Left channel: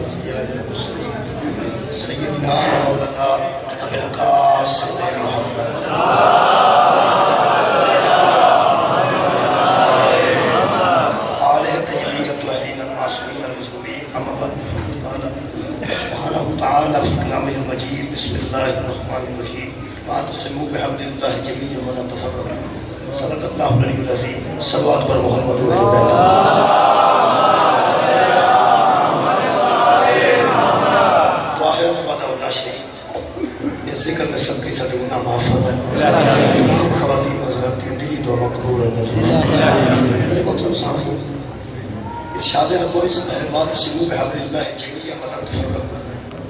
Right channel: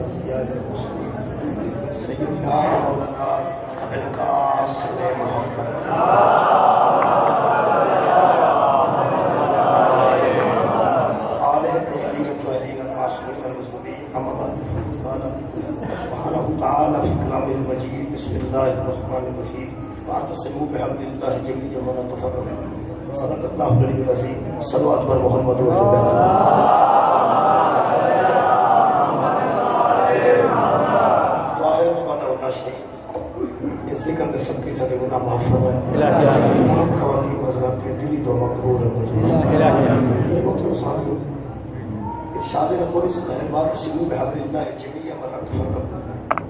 الأنبياء والمرسلين سيدنا مولانا أبي القاسم محمد آلہ طیبین الطاہرین المعصومین المظلومین اما بعد فقد قال سبحانہ تعالی فی کلامہ المجید بسم اللہ الرحمن الرحیم واعتصموا بحبل اللہ جميعا ولا تفرقوا صدق اللہ العلی العظیم صلوات بر محمد و اہل بیت اس ذکر میں سب کی سارے گناہ معاف فرمائے تمام خواتین و حضرات کی دلی دعا مقبول ہے میرے محترم سامعین ارشاد ربانی سے ہے واعتصموا بحبل اللہ جميعا ولا تفرقوا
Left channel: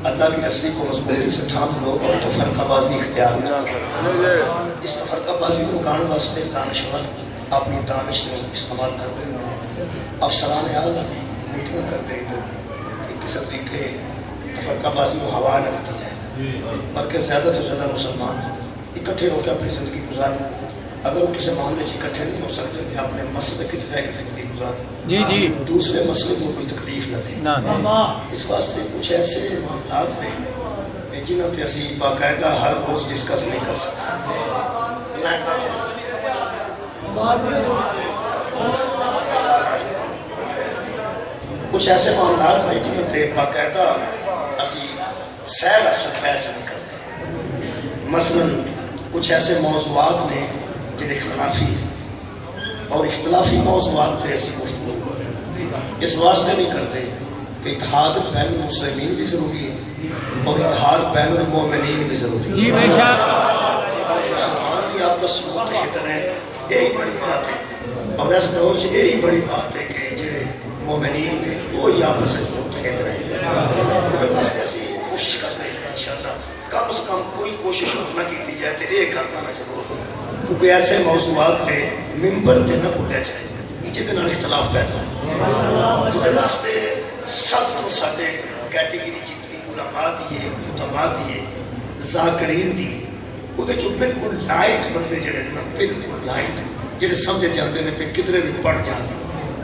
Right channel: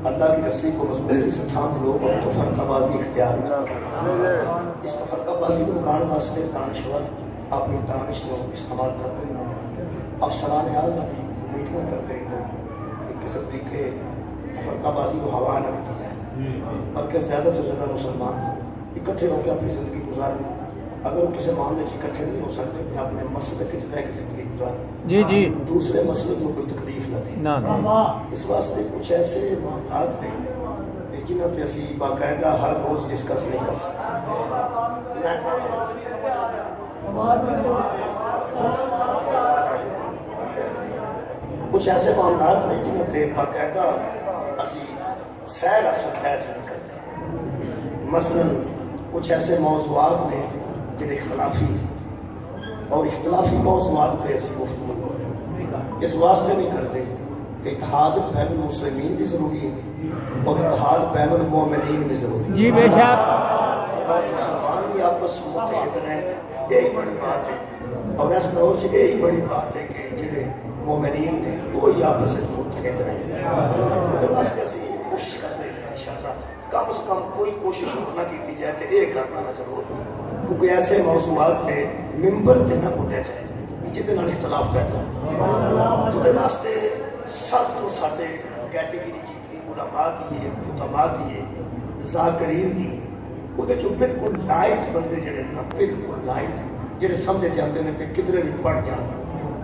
اللہ کی رسی کو مضبوطی سے تھام لو اور تفرقہ بازی اختیار نہ کرو اس تفرقہ بازی کو رکانے واسطے دانشور اپنی دانش کو استعمال کرتے ہیں افسران اعلیٰ بھی میٹنگ کرتے ہیں کہ کس طریقے تفرقہ بازی کو ہوا نہ دیتی ہے بلکہ زیادہ تو زیادہ مسلمان اکٹھے ہو کے اپنی زندگی گزاریں اگر وہ کسی معاملے سے اکٹھے نہیں ہو سکتے کہ آپ نے مسئلے کی جگہ کی زندگی گزاریں دوسرے مسئلے کو کوئی تکلیف نہ دیں اس واسطے کچھ ایسے معاملات ہیں جنہوں نے اسی باقاعدہ ہر روز ڈسکس نہیں کر سکتے کچھ ایسے معاملات ہیں جنہوں نے باقاعدہ اسی سیر اثر فیصلہ نہیں کرتے مثلا کچھ ایسے موضوعات ہیں جن اختلافی اور اختلافی موضوعات تھے ایسی گفتگو اس واسطے نہیں کرتے کہ اتحاد بین المسلمین بھی ضروری ہے اور اتحاد بین المومنین بھی ضروری ہے جی بے شک مسلمان بھی آپس میں متحد رہیں یہی بڑی بات ہے اور اس دور سے یہی بڑی بات ہے کہ جنہیں مومنین ہیں وہی آپس میں متحد رہیں اس واسطے اسی کوشش کر رہے ہیں انشاءاللہ کم از کم کوئی کوشش نہ کی جائے تو یہ کرنا ہے ضرور کیونکہ ایسے موضوعات تھے ممبر تے نہ بھولیا جائے جہدے نال اختلاف پیدا ہے خدا واسطے سب تو ساڈے کیٹیگری جتنی علماء دی ہے خطباء دی ہے ذاکرین دی وہ جو بالکل لائٹ بندے جڑے نا بالکل لائٹ جڑے سمجھ جاندے نے پھر کدھرے بھی پڑھ جان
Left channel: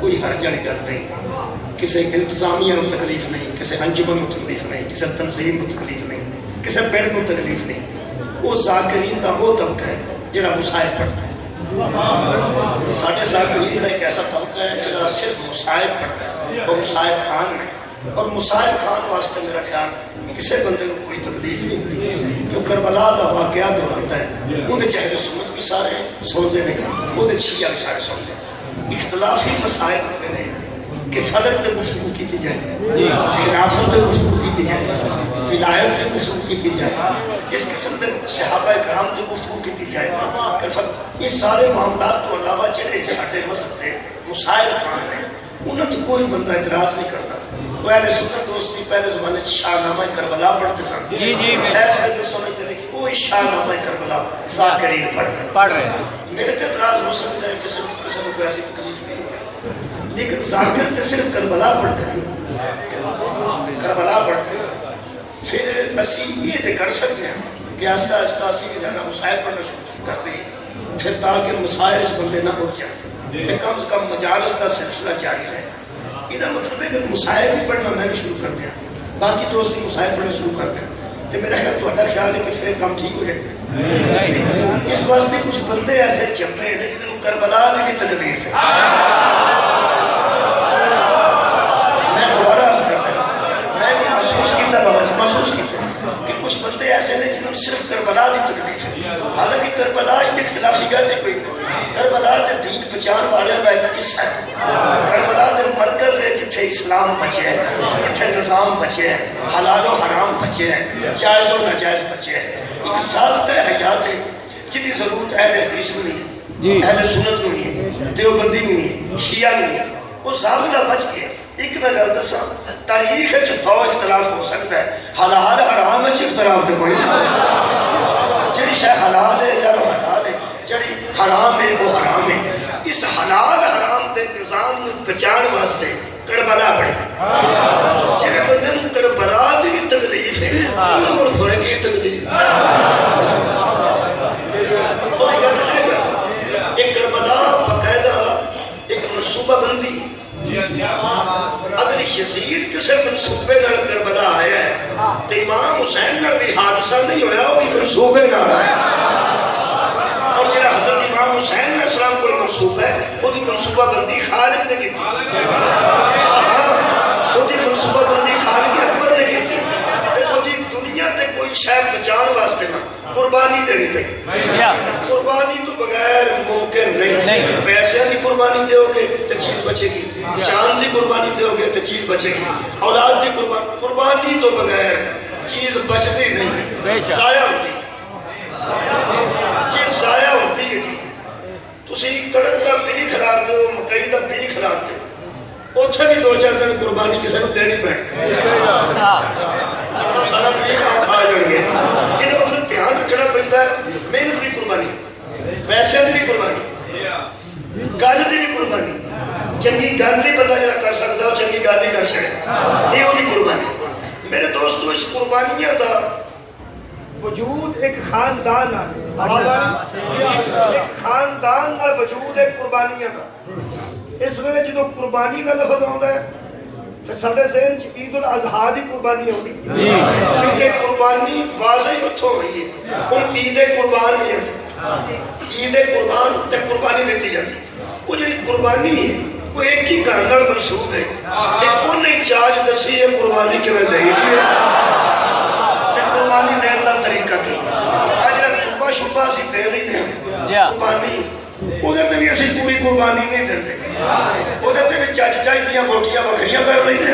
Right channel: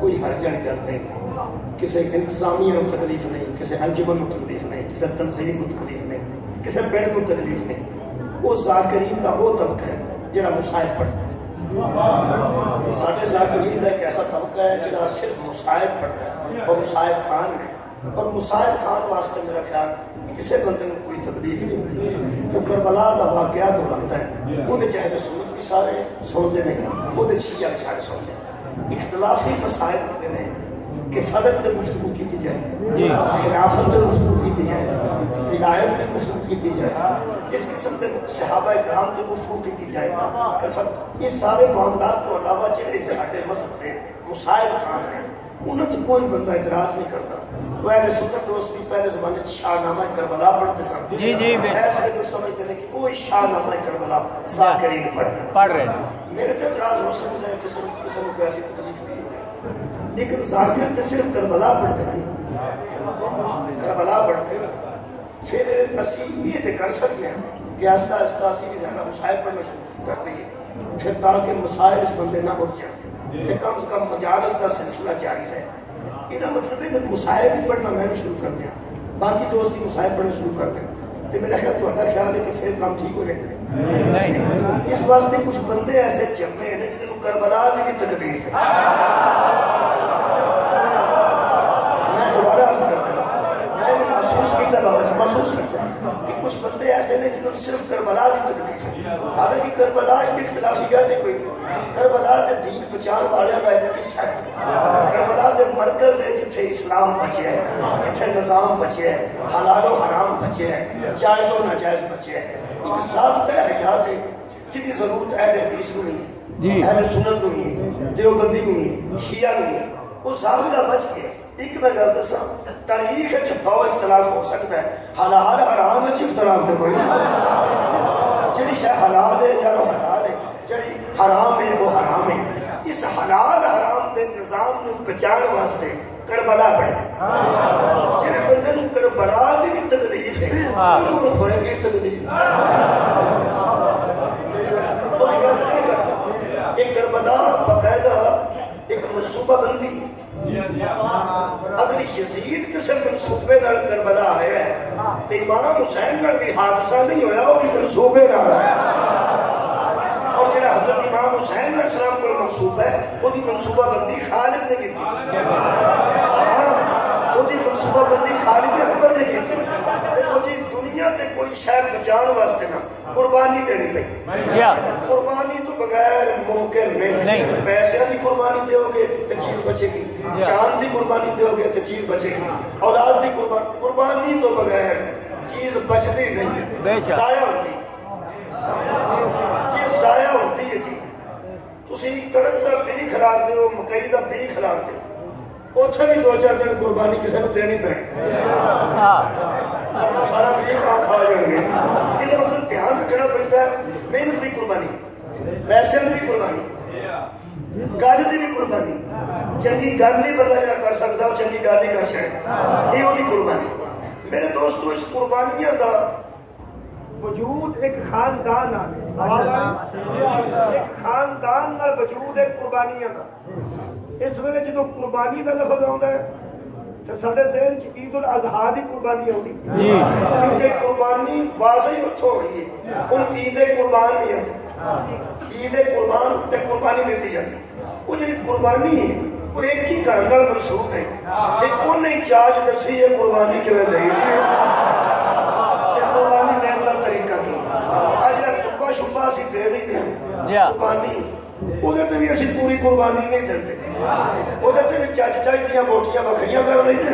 کوئی حرج والی گل نہیں کسی انتظامیہ کو تکلیف نہیں کسی انجمن کو تکلیف نہیں کسی تنظیم کو تکلیف نہیں کسی پنڈ کو تکلیف نہیں وہ ذاکرین کا وہ طبقہ ہے جڑا مصائب پڑھتا ہے ساڑھے ذاکرین کا ایک ایسا طبقہ ہے جڑا صرف مصائب پڑھتا ہے اور مصائب خان میں اور مصائب خان واسطے میرا خیال کسی بندے کو کوئی تکلیف نہیں ہوتی جو کربلا کا واقعہ دہراتا ہے وہ چاہے سنت بھی سارے سنتے ہیں وہ شیعہ بھی سارے سنتے ہیں اختلافی مسائل ہوتے ہیں کہ فلک تے گفتگو کیتی جائے خلافت تے گفتگو کیتی جائے ولایت تے گفتگو کیتی جائے اس قسم تے صحابہ کرام تے گفتگو کیتی جائے یہ سارے معاملات تو علاوہ جڑے ساڈے مذہب تے مسائل خان ہیں انہوں تو کوئی بندہ اعتراض نہیں کرتا وہ اہل سنت دوست بھی پہلے زمانے شاہ نامہ کربلا پڑھتے سن ایسے جو سمجھتے ہیں کہ وہ شاہ نامہ کربلا ذاکرین پڑھ رہے ہیں میرے تے اعتراض ہو سکتا ہے کسی کو ایسی تکلیف نہیں ہوئی لیکن ذاکر تے صرف کربلا پڑھتے ہیں کربلا پڑھتے ہیں پھر اسی یہ تے کر سکتے ہیں کہ آہستہ آہستہ اسی کی زیادہ مسائل پڑھنا شروع کرتے ہیں پھر تاکہ مسائل بندے نہ ہو جائیں تے کم سے کم مجالس کا سلسلہ جاری رہے یہ مطلب ہے کہ مسائل بھی پڑھنا میں بھی شروع کر دیا باقی دوست بھی مسائل پڑھنا شروع کر دیں تو میرا خیال تو خیال ہے کہ پھر کام ٹھیک ہو جائے اس واسطے کچھ بندے ایسے چل رہے ہیں جنہوں کربلا میں بھی تکلیف ہے کہ کچھ بندے ایسے ہیں جنہوں نے صرف کربلا دی تکلیف ہے حالانکہ کربلا کی اختلافی گل نہیں کوئی کربلا تے دین بچان والے کا ایک قصہ ہے کربلا دے مرکز ہے جتھے اسلام بچے ہے جتھے نظام بچے ہے حلال و حرام بچے ہے جائز و ناجائز بچے ہے ایک ضابطہ حیات ہے جن کی ضرورت اہل حدیث میں نہیں ہے اہل سنت میں نہیں ہے دیوبندی میں نہیں ہے شیعہ نہیں ہے وہ ضابطہ بچ گئے ایک میں گل دساں تاریخ ہے جو دو اختلاف ہو سکتا ہے حلال حرام ہے اختلاف تو کوئی نہ جڑی شے حلال ہے یا وہ حلال ہے جڑی حرام ہے وہ حرام ہے اس حلال حرام دے نظام کو بچان واسطے کربلا پڑے جڑے بندے نوں کربلا دی تکلیف ہے اور تھوڑے کی تکلیف اور ایک کربلا باقاعدہ ایک منصوبہ بندی اگر یزید کسی منصوبے نال کربلا آیا ہے تے امام حسین نال بھی حادثہ نہیں ہویا، وہ منصوبے نال آیا۔ اور جڑا حضرت امام حسین علیہ السلام کو منصوبہ ہے وہ دی منصوبہ بندی خالد نے کی تھی، وہ دی منصوبہ بندی خالد اکبر نے کی تھی۔ دیکھو جی دنیا تے کوئی شے بچان واسطے نہ قربانی دینی پئی، قربانی تو بغیر ممکن نہیں۔ پیسے دی قربانی دیو گے تو چیز بچے گی، شان دی قربانی دیو گے تو چیز بچے گی، اولاد دی قربانی تو بغیر چیز بچتی نہیں، ضائع ہوتی، چیز ضائع ہوتی ہے جی۔ تسی کڑک دا بی کھلار دیو، مکئی دا بی کھلار دیو، اتھے بھی 2-4 دن قربانی کسی نے دینی پڑے، سارا بی کہاں کھا جڑ گئے۔ انہیں مطلب دھیان رکھنا پڑتا ہے، محنت بھی قربانی، پیسے بھی قربانی، گل دی بھی قربانی، چنگی گل نہیں بندہ جڑا کر سکتا وہ چنگی گل نہیں کر سکتا، یہ وہی قربانی۔ میرے دوستو اس قربانیاں دا وجود ایک خاندان ایک خاندان نال وجود ایک قربانیاں دا۔ اس ویلے جدو قربانی دا لفظ آتا ہے تو سارے ذہن چ عید الاضحیٰ دی قربانی ہوتی، کیونکہ قربانی واضح اتھوں ہوئی ہے، ان عید قربان بھی ہے، عید قربان تے قربانی دیتی جاتی۔ وہ جو قربانی ہے وہ ایک ہی گھر نال منسوب ہے، ایک انہیں چاج دسی ہے قربانی کے میں دہی ہے تے قربانی دین دا طریقہ کی اجلا چوبا شبہ اسی دے لینے قربانی وہ دیتے بھی اسی پوری قربانی نہیں دیتے، وہ دیتے بھی چاچ چاچ دیاں بوٹیاں بکریاں کر لینے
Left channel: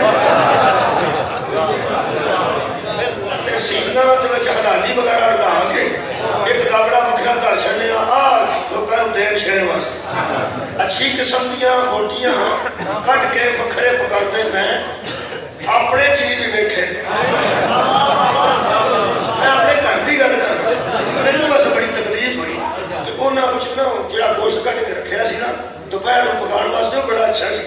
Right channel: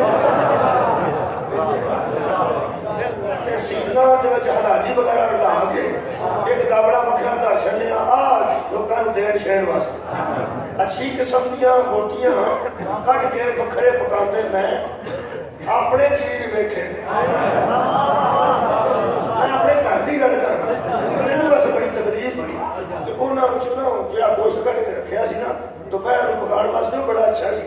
سیکھنا تو حلالی وغیرہ لا کے ایک کابڑا بکرا کر چھڑنے لوگوں دین چھڑنے واسطے اچھی قسم دیاں بوٹیاں کٹ کے بکھرے پکاتے میں اپنے چیز بھی دیکھے، میں اپنے گھر کی گل کر رہا، میرے بس بڑی تکلیف ہوئی کہ انہاں کچھ نہ جڑا گوشت کٹ کے رکھیا سی نا دوپہر پکان واسطے بڑا اچھا سی،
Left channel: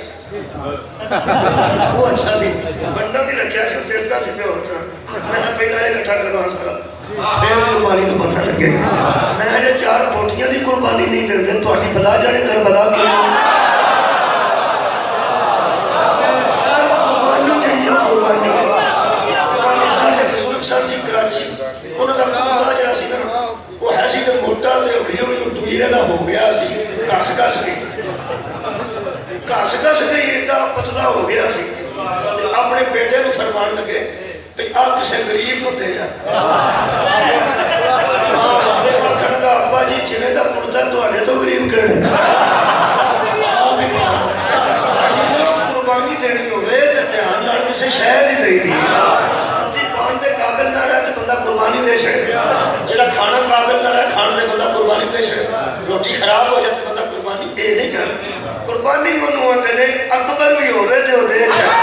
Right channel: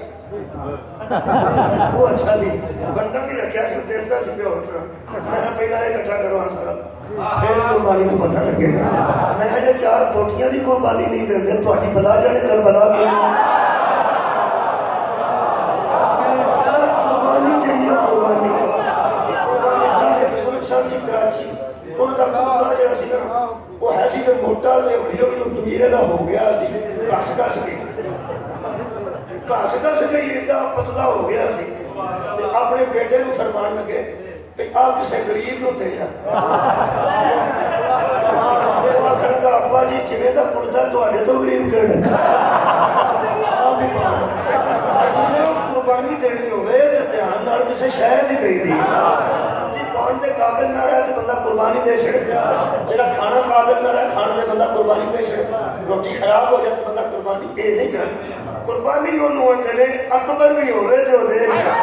وہ اچھا سی بننا نہیں رکھیا سی دیکھتا سی پہ اور طرح، میں نے پہلا یہ اکٹھا کروا سارا پھر قربانی تو پتہ لگے گا۔ میں نے 4 بوٹیاں دی قربانی نہیں دیتے تہاڈی بلا جانے کر بلا کے قربانی جڑی ہے قربانی سارے بزرگ صاحب جی کراچی انہاں دا کتا جڑا سی نا وہ ہے سی تے موٹا تے ہوئی ٹویرے دا ہو گیا سی کس کس کے ایڈا پتلا ہو گیا سی اپنے بیٹے نو فرمان لگے بھئی آپ کسے غریب نو دے جا، آخر دا ابا جی چنے دا پڑتا ہے تو غریب کڑے آپ ہی مانو عزیزوں قربانی دینی ہوئے تے دھیان نال کسے شہر ہی دئی دی، جتی پان دے قابل نہ رہے تو بندہ قربانی دے چھڑے، جڑا کھانا قابل نہ رہے کھانے دے بندہ قربانی دے چھڑے، روٹی خراب ہو جاتے بندہ قربانی دے نہیں کر، قربانی انہوں آتے رہے اکبر بھی ہوئے تھے وہ دے چھڑے،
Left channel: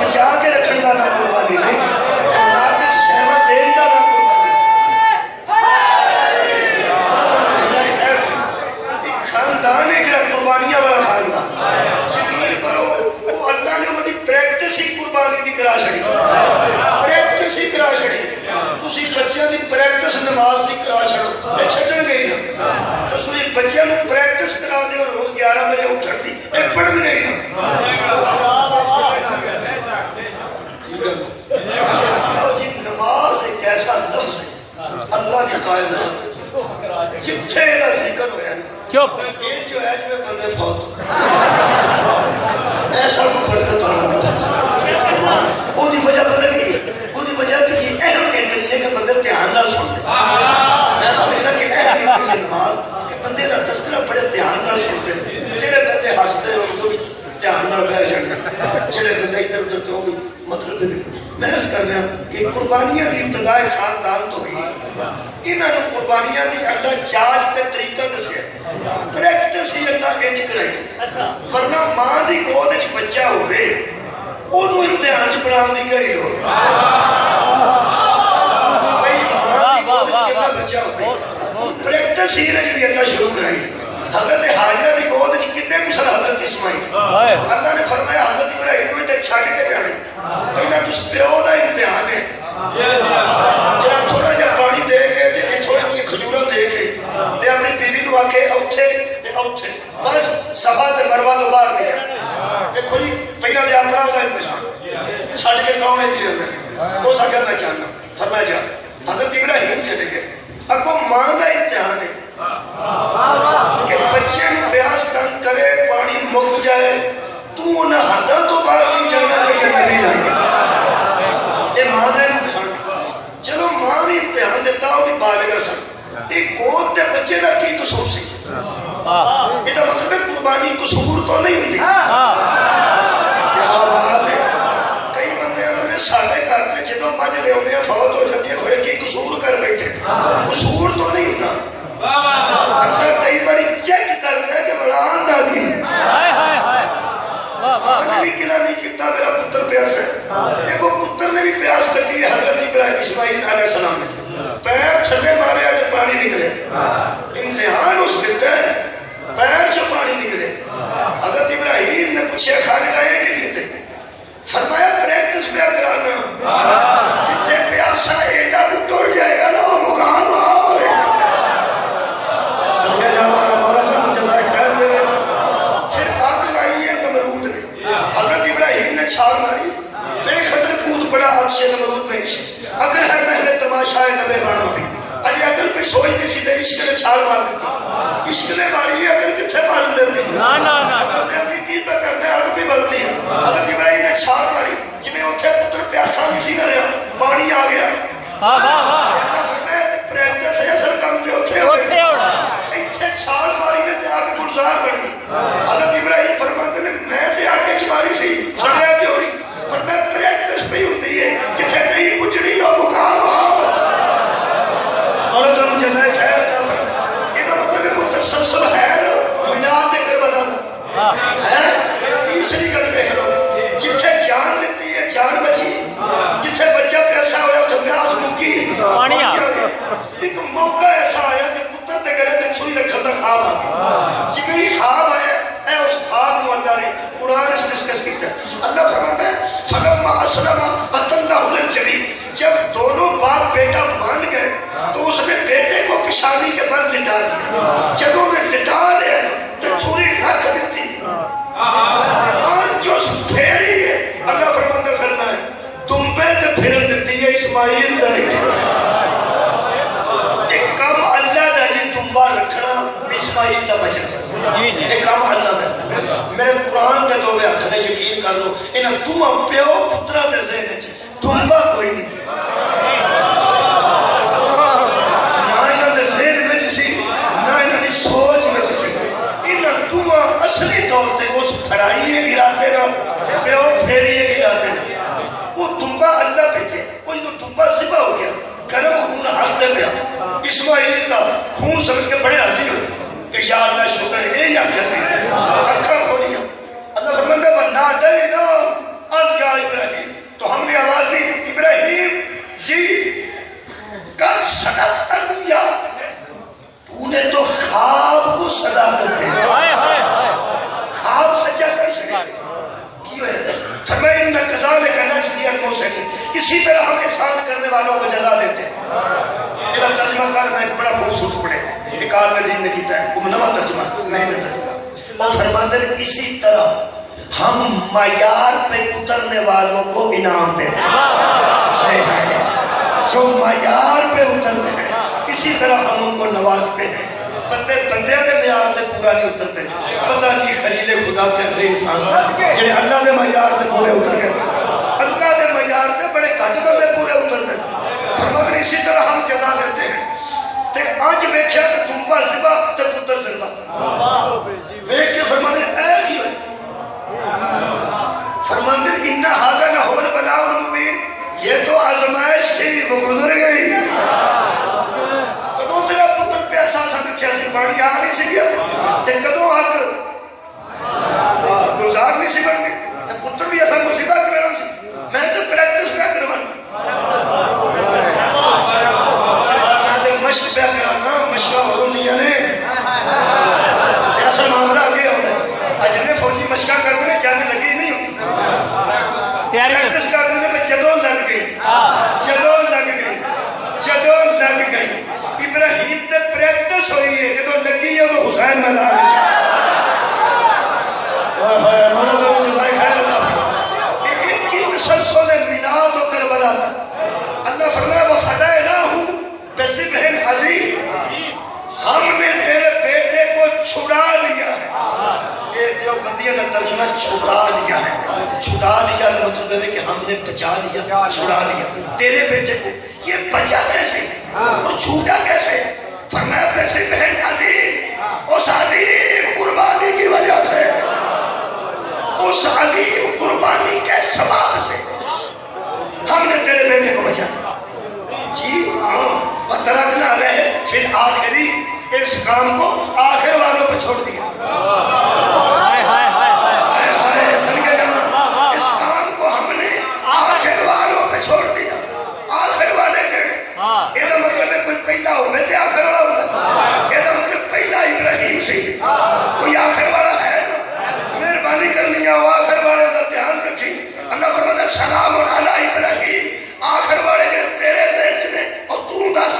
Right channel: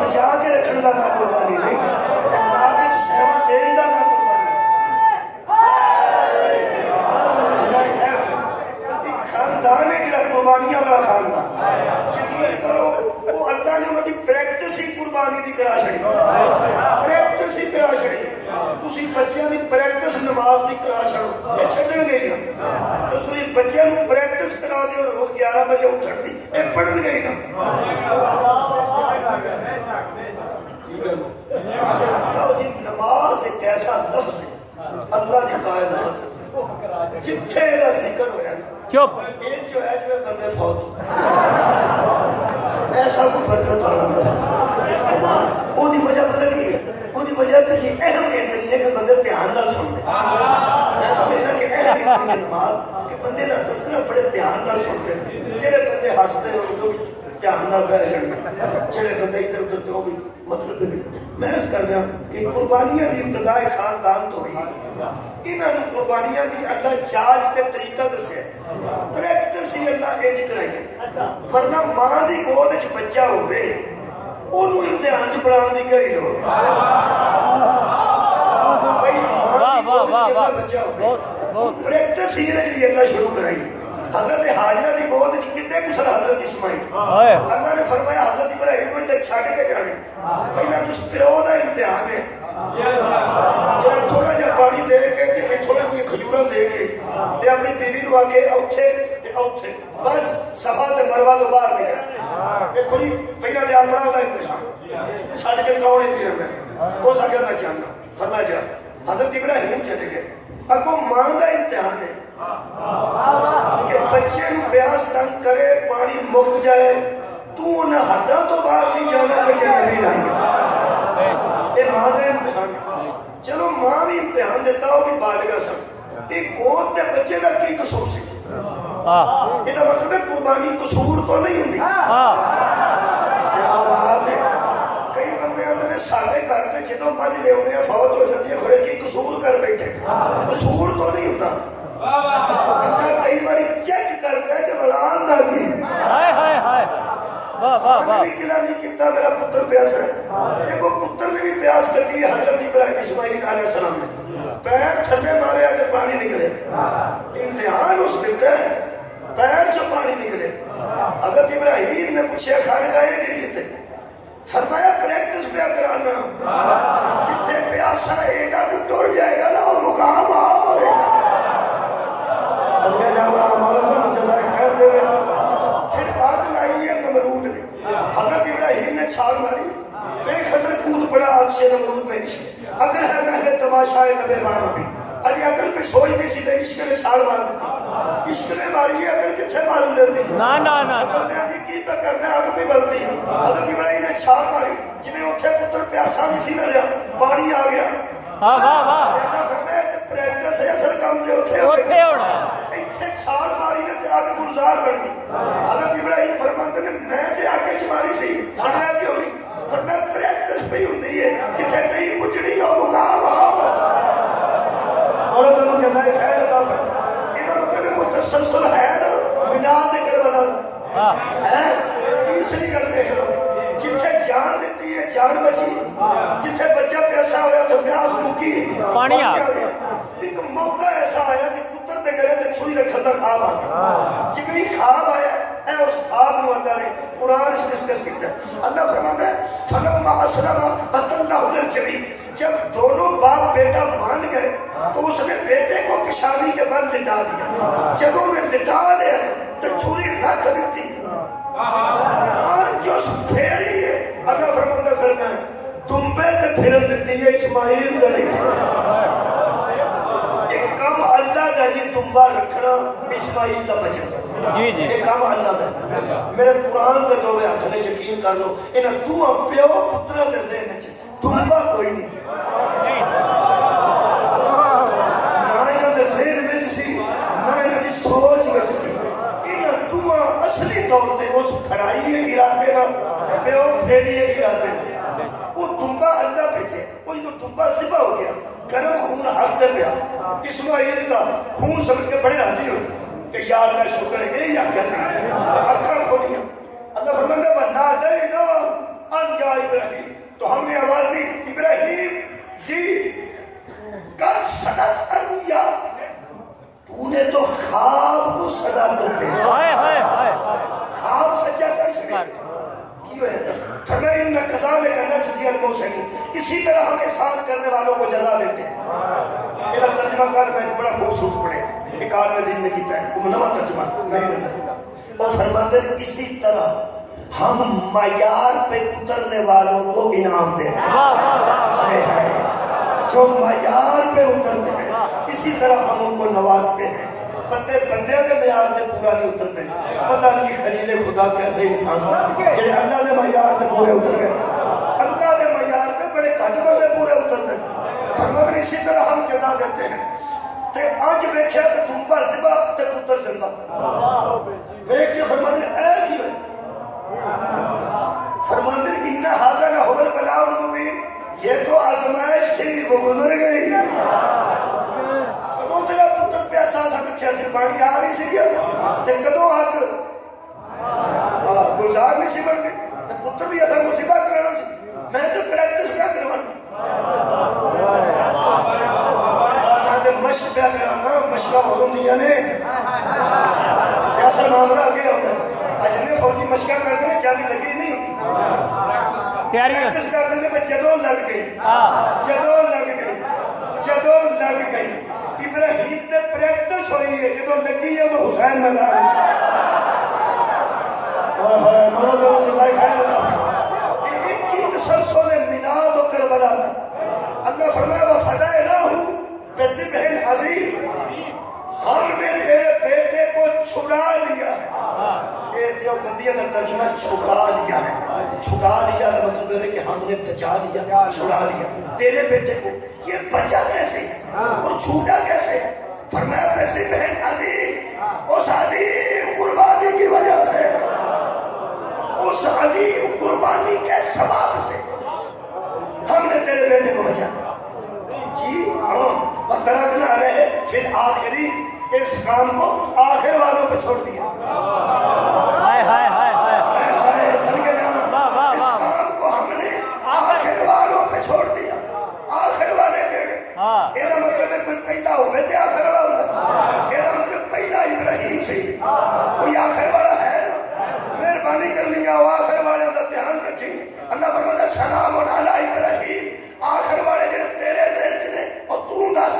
بچا کے رکھنے کا نام قربانی نہیں، اللہ اس شہوہ دینے کا نام قربانی۔ ایک خاندان ہے جڑا قربانیاں والا خاندان، یقین کرو وہ اللہ نے انہوں دی پریکٹس ہی قربانی دی کرا چھڑی، پریکٹس ہی کرا چھڑی۔ تسی بچیاں دی پریکٹس نماز دی کرا چھڑو، میں چھڑن گئی نا تو تسی بچیاں نو پریکٹس کرا دے اور روز 11 بجے اٹھن دی میں پڑھن گئی نا۔ جی نماز ایک ایسا لفظ ہے اللہ کی کائنات جتھے نہ ذکر ہویا یہ جو ہے جو بندے فوت ہو ایسا کوئی برکت والا لفظ وہ دی وجہ پتہ کی وہ دی وجہ کہ یہ اہم اتنی ہے کہ بندے دھیان نال سنتے، میں سمجھنا کہ اہم اتنی ہے نماز کہ بندے دا تذکرہ بڑے دھیان نال سنتے، جڑے بندے ہستے ہو وہ بھی دھیان نال بیٹھ جاندے، جڑے بندے ادھر ادھر تو بھی مطلب میں اس کر رہا ہوں کہ قربانیاں دی ابتداء خاندان تو ہوئی، انہاں نے قربانیاں دی اللہ جاج تے طریقہ دسیا، پریکٹس ہی اللہ انج کرائی، ورنہ ماں دی گود وچ بچہ ہوئے انہوں امتحان چ پڑھان دی کہڑی لوڑ، بھائی ماں دی گود وچ کتنا بچہ ہوئے پریکٹس ہی رہی اللہ شروع کرائی۔ حضرت حاجرہ دی گود وچ کتنے کسل حضرت اسماعیل، اللہ نے فرمایا حضرت ابراہیم کو تے چھڈ کے جانے، پہلا تس پیو دا امتحان ہے، جڑا تھوڑا جہا پانی دے کے تے تھوڑی جہی کھجوراں دے کے تے اپنی واقع اوتھے تے اوتھے بس صفا تے مروہ تو باہر گئے دیکھو جی پہلا دے اپنا ہوتا امتحان چھڑ کے کون ہے جی اندر وہ سکے میں چاہنا فرمایا جا حضرت ابراہیم چلے گئے اگو ماں دا امتحان ہے کہ بچے پیاس تنگ کرے پانی مک جائے تو نہ حدہ تو باہر نہیں جانا کہ یہ نہیں جانا یہ ماں دا امتحان چلو ماں بھی امتحان دیتا ہو کہ بالغ سن ایک گود دے بچے دا کی قصور سی یہ دا مطلب ہے قربانی قصور تو نہیں ہوتی کیا بات ہے کئی بندے اندر سالے کرتے جدوں مجھ لے ہونے فوت ہو جاتی ہے ہوئے کی قصور کر بیٹھے قصور تو نہیں ہوتا اللہ کئی باری چیک کرتا ہے کہ بڑھان دا کی آج بھی کلا نہیں کیتا میرا پتر پیاس ہے ایک وہ پتر نے بھی پیاس کرتی ہے حضرت ابراہیم اسماعیل علیہ السلام نے پیر چھٹے مارے آجے پانی نکلے امتحان اس دیتے ہیں پیر جو پانی نکلے حضرت ابراہیم نے پوچھے کھانے گئے کہ کیتے فرمایا پریکٹس پہ اکرانا جتے پیاسا ایڈا اتر جائے گا نا وہ مقام آور صدقہ جاوانا مولا جان جزائے خیر دے پھر آگ لائی ہے نمرود نے حضرت ابراہیم نے چھال ماری دیکھ حضر کود پڑا آگ سے نمرود پیش اگر ہے محل تماشا ہے نبے بانو بھی علی اگر پہ سوئی دی سی دے عشق نے چھال مار دیتی عشق نے ماری ہے اگر کتھے مار لے دی اگر دے ابھی کی پہ کرنے آگ بھی بلتی ہے حضرت ابراہیم نے چھال ماری جنہیں اتھے پتر پیاسا نہیں سی کریا پانی آ گیا اللہ فرمائے پریکٹس ہے اصل کام جو اتھے ہوئے اتھے چھال ماری میں تے آگے گلزار بڑی حضرت ابراہیم فرماتے ہیں میں تے آگے چماری سی سڑیا کیوں نہیں فرمایا پریکٹس پہ ہوتی ہے جتھے نہیں مجھڑی ہو مقام آور مولا جنہوں جزائے خیر عطا فرمائے یہ کا مطلب ہے کہ تسلسل ہے نا مینات کربلا ہے تیسری گل دیکھ لو جتھے جان دیتی ہے جان بچی جتھے بچہ پیسہ ہویا تو پیاس بھوکی پانی آ گیا ایک موقع ایسا آیا کہ پتر دے گلے تے چھری رکھن دا خواب آ گیا جبھی خواب آیا اے اس خواب نو اللہ نے قرآن اس ڈسکس کیتا ہے اللہ فرماتا ہے فلما اسلم وتلہ للجبین جب دونوں باپ بیٹا مان گئے تو اس نے بیٹے کو پیشانی کے بل لٹا دیا جب انہیں لٹا لیا تو چھری رکھ دیتی آج جو پھیری ہے اللہ فرماتا فرمائے تم پہ تو پھر دیتی ہے اسماعیل دنی ایک کام اللہ دا جی تمبا رکھنا اسماعیل دا بچنا ایک کام اللہ دا میرے قرآن دے دو بے ہاتھ نے یقین کر لو انہاں تم پیو پترہ دے ذہن ہے تمبا کوئی نہیں نہ انہاں دے ذہن میں سی نہ انہاں دی سوچ میں سی انہاں تم اصلی طور تے اس پھڑائی ارادے نہ پیو پھیری ارادے نہ وہ تمبا اللہ بھیجے وہ جو تمبا ذبح ہو گیا گرم خون ہاتھ دے پیا اسماعیل کا خون سمجھ کے بڑے راضی ہو کہ یا اللہ شکر ہے یا کیا سکتے اکھر کھولیا اللہ فرماتا ہے وَنَادَيْنَا أَنْ يَا إِبْرَاهِيمُ تو ہم نے آواز دی ابراہیم جی قد صدقت الرؤیا تو نے تو خواب کو صداقت دے خواب سچا کر سکے کیوں ہے فرمائے انہا کذالک نجزی المحسنین اسی طرح ہم احسان کرنے والوں کو جزا دیتے ہیں میرا ترجمہ کر میں ایک بڑا خوبصورت پڑھے ایک عالم دین نے کیتا ہے وہ منوع ترجمہ نہیں لے سکتا اور فرماتے ہیں اسی طرح ہم معیار پہ اترنے والوں کو انعام دیتے ہیں جو معیار پہ اترتے ہیں اسی طرح ہم ان کو نوازتے ہیں بندے دے معیار سے پورا نہیں اترتے پتہ نہیں خلیل خدا کیسے انسان ہے جنہیں اللہ دے معیار سے پورے اتر گئے اللہ دے معیار سے بڑے گھٹ بندے پورے اترتے ہیں فرماتے ہیں اسی طرح ہم جزا دیتے ہیں تے آج ویکھیا کہ تمبا ذبح تے پتر زندہ ویکھ کے فرماتے ہیں اے کی ہوئی فرماتے ہیں انہا حاضر لہو البلاء المبین یہ تو آزمائش تھی وہ گزر گئی کدوں تیرا پتر پیسہ سا دکھیا سی پانی آ نہیں سی گیا تے کدوں حق گلزار نہیں سی بن گئی پتر بھی ایسا مصیبہ کرنا سی میں تو پریکٹس پہ کروانا مشق پہ کرانا مشقہ ہو نہیں آنے ایسا معاملہ آگے ہوتا ہے اجنے فوجی مشقہ کر دینے جانے لگی نہیں ہوتی پریکٹس کر دینے میں جدوں لگ گئی جدوں لگ گئی جدوں لگ گئی ابراہیم تے پریکٹس ہوئی ہے جدوں لگی ہے حسین میدان ان کی تسلسل میلاد و کربلا اللہ فرمایا وَفَدَيْنَاهُ بِذِبْحٍ عَظِيمٍ، ہم نے تیرے بیٹے کو چھڑا لیا ہے۔ ایک جو بندیاں کا ترجمہ چھڑا لیا ہے، چھڑا لیا کا مطلب ہے کہ ہم نے بچا لیا، چھڑا لیا تیرے بیٹے کو۔ یہ بچا کیسے اور چھوٹا کیسے؟ فرمایا بِذِبْحٍ عَظِيمٍ، اس عظیم قربانی کی وجہ سے، اس عظیم قربانی کے ثواب سے ہم نے تیرے بیٹے کو بچا لیا۔ جی ہاں، وَتَرَكْنَا عَلَيْهِ فِي الْآخِرِينَ، اس کام کو آخر والوں پہ چھوڑ دیا۔ اس کام کو ہم نے آخر والوں پہ چھوڑ دیا۔ آخر والے کہڑے؟ یہ مطلب ہے کوئی پہلا ہونے تھے آخر والا، یہ مطلب پہلا ابراہیم سی، کوئی آخر والا ہے نا؟ مہربانی کرنی ہے آخر والے کا دھیان رکھی۔ اللہ فرماتا ہے سلام علی ابراہیم، آخر والے کے تیرے ذہن نے، اور تو دس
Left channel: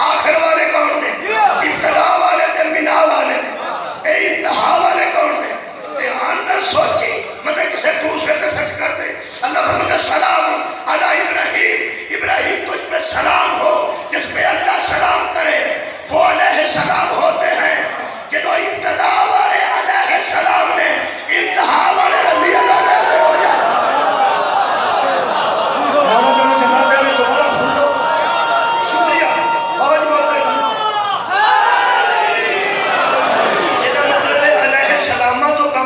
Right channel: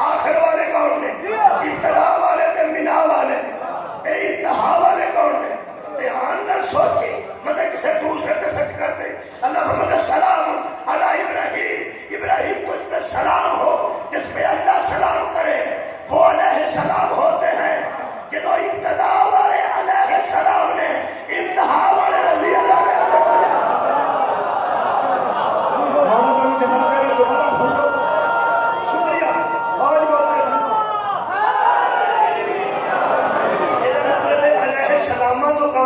آخر والے کون نے؟ ابتدا والے تے منا والے نے، اے انتہا والے کون نے؟ دھیان نہ سوچی مطلب کسے دوسرے سے فٹ کر دے۔ اللہ فرماتا ہے سلام علی ابراہیم، ابراہیم تجھ پہ سلام ہو، جس پہ اللہ سلام کرے وہ علیہ السلام ہوتے ہیں۔ جدو ابتدا والے علیہ السلام نے، انتہا والے رضی اللہ نے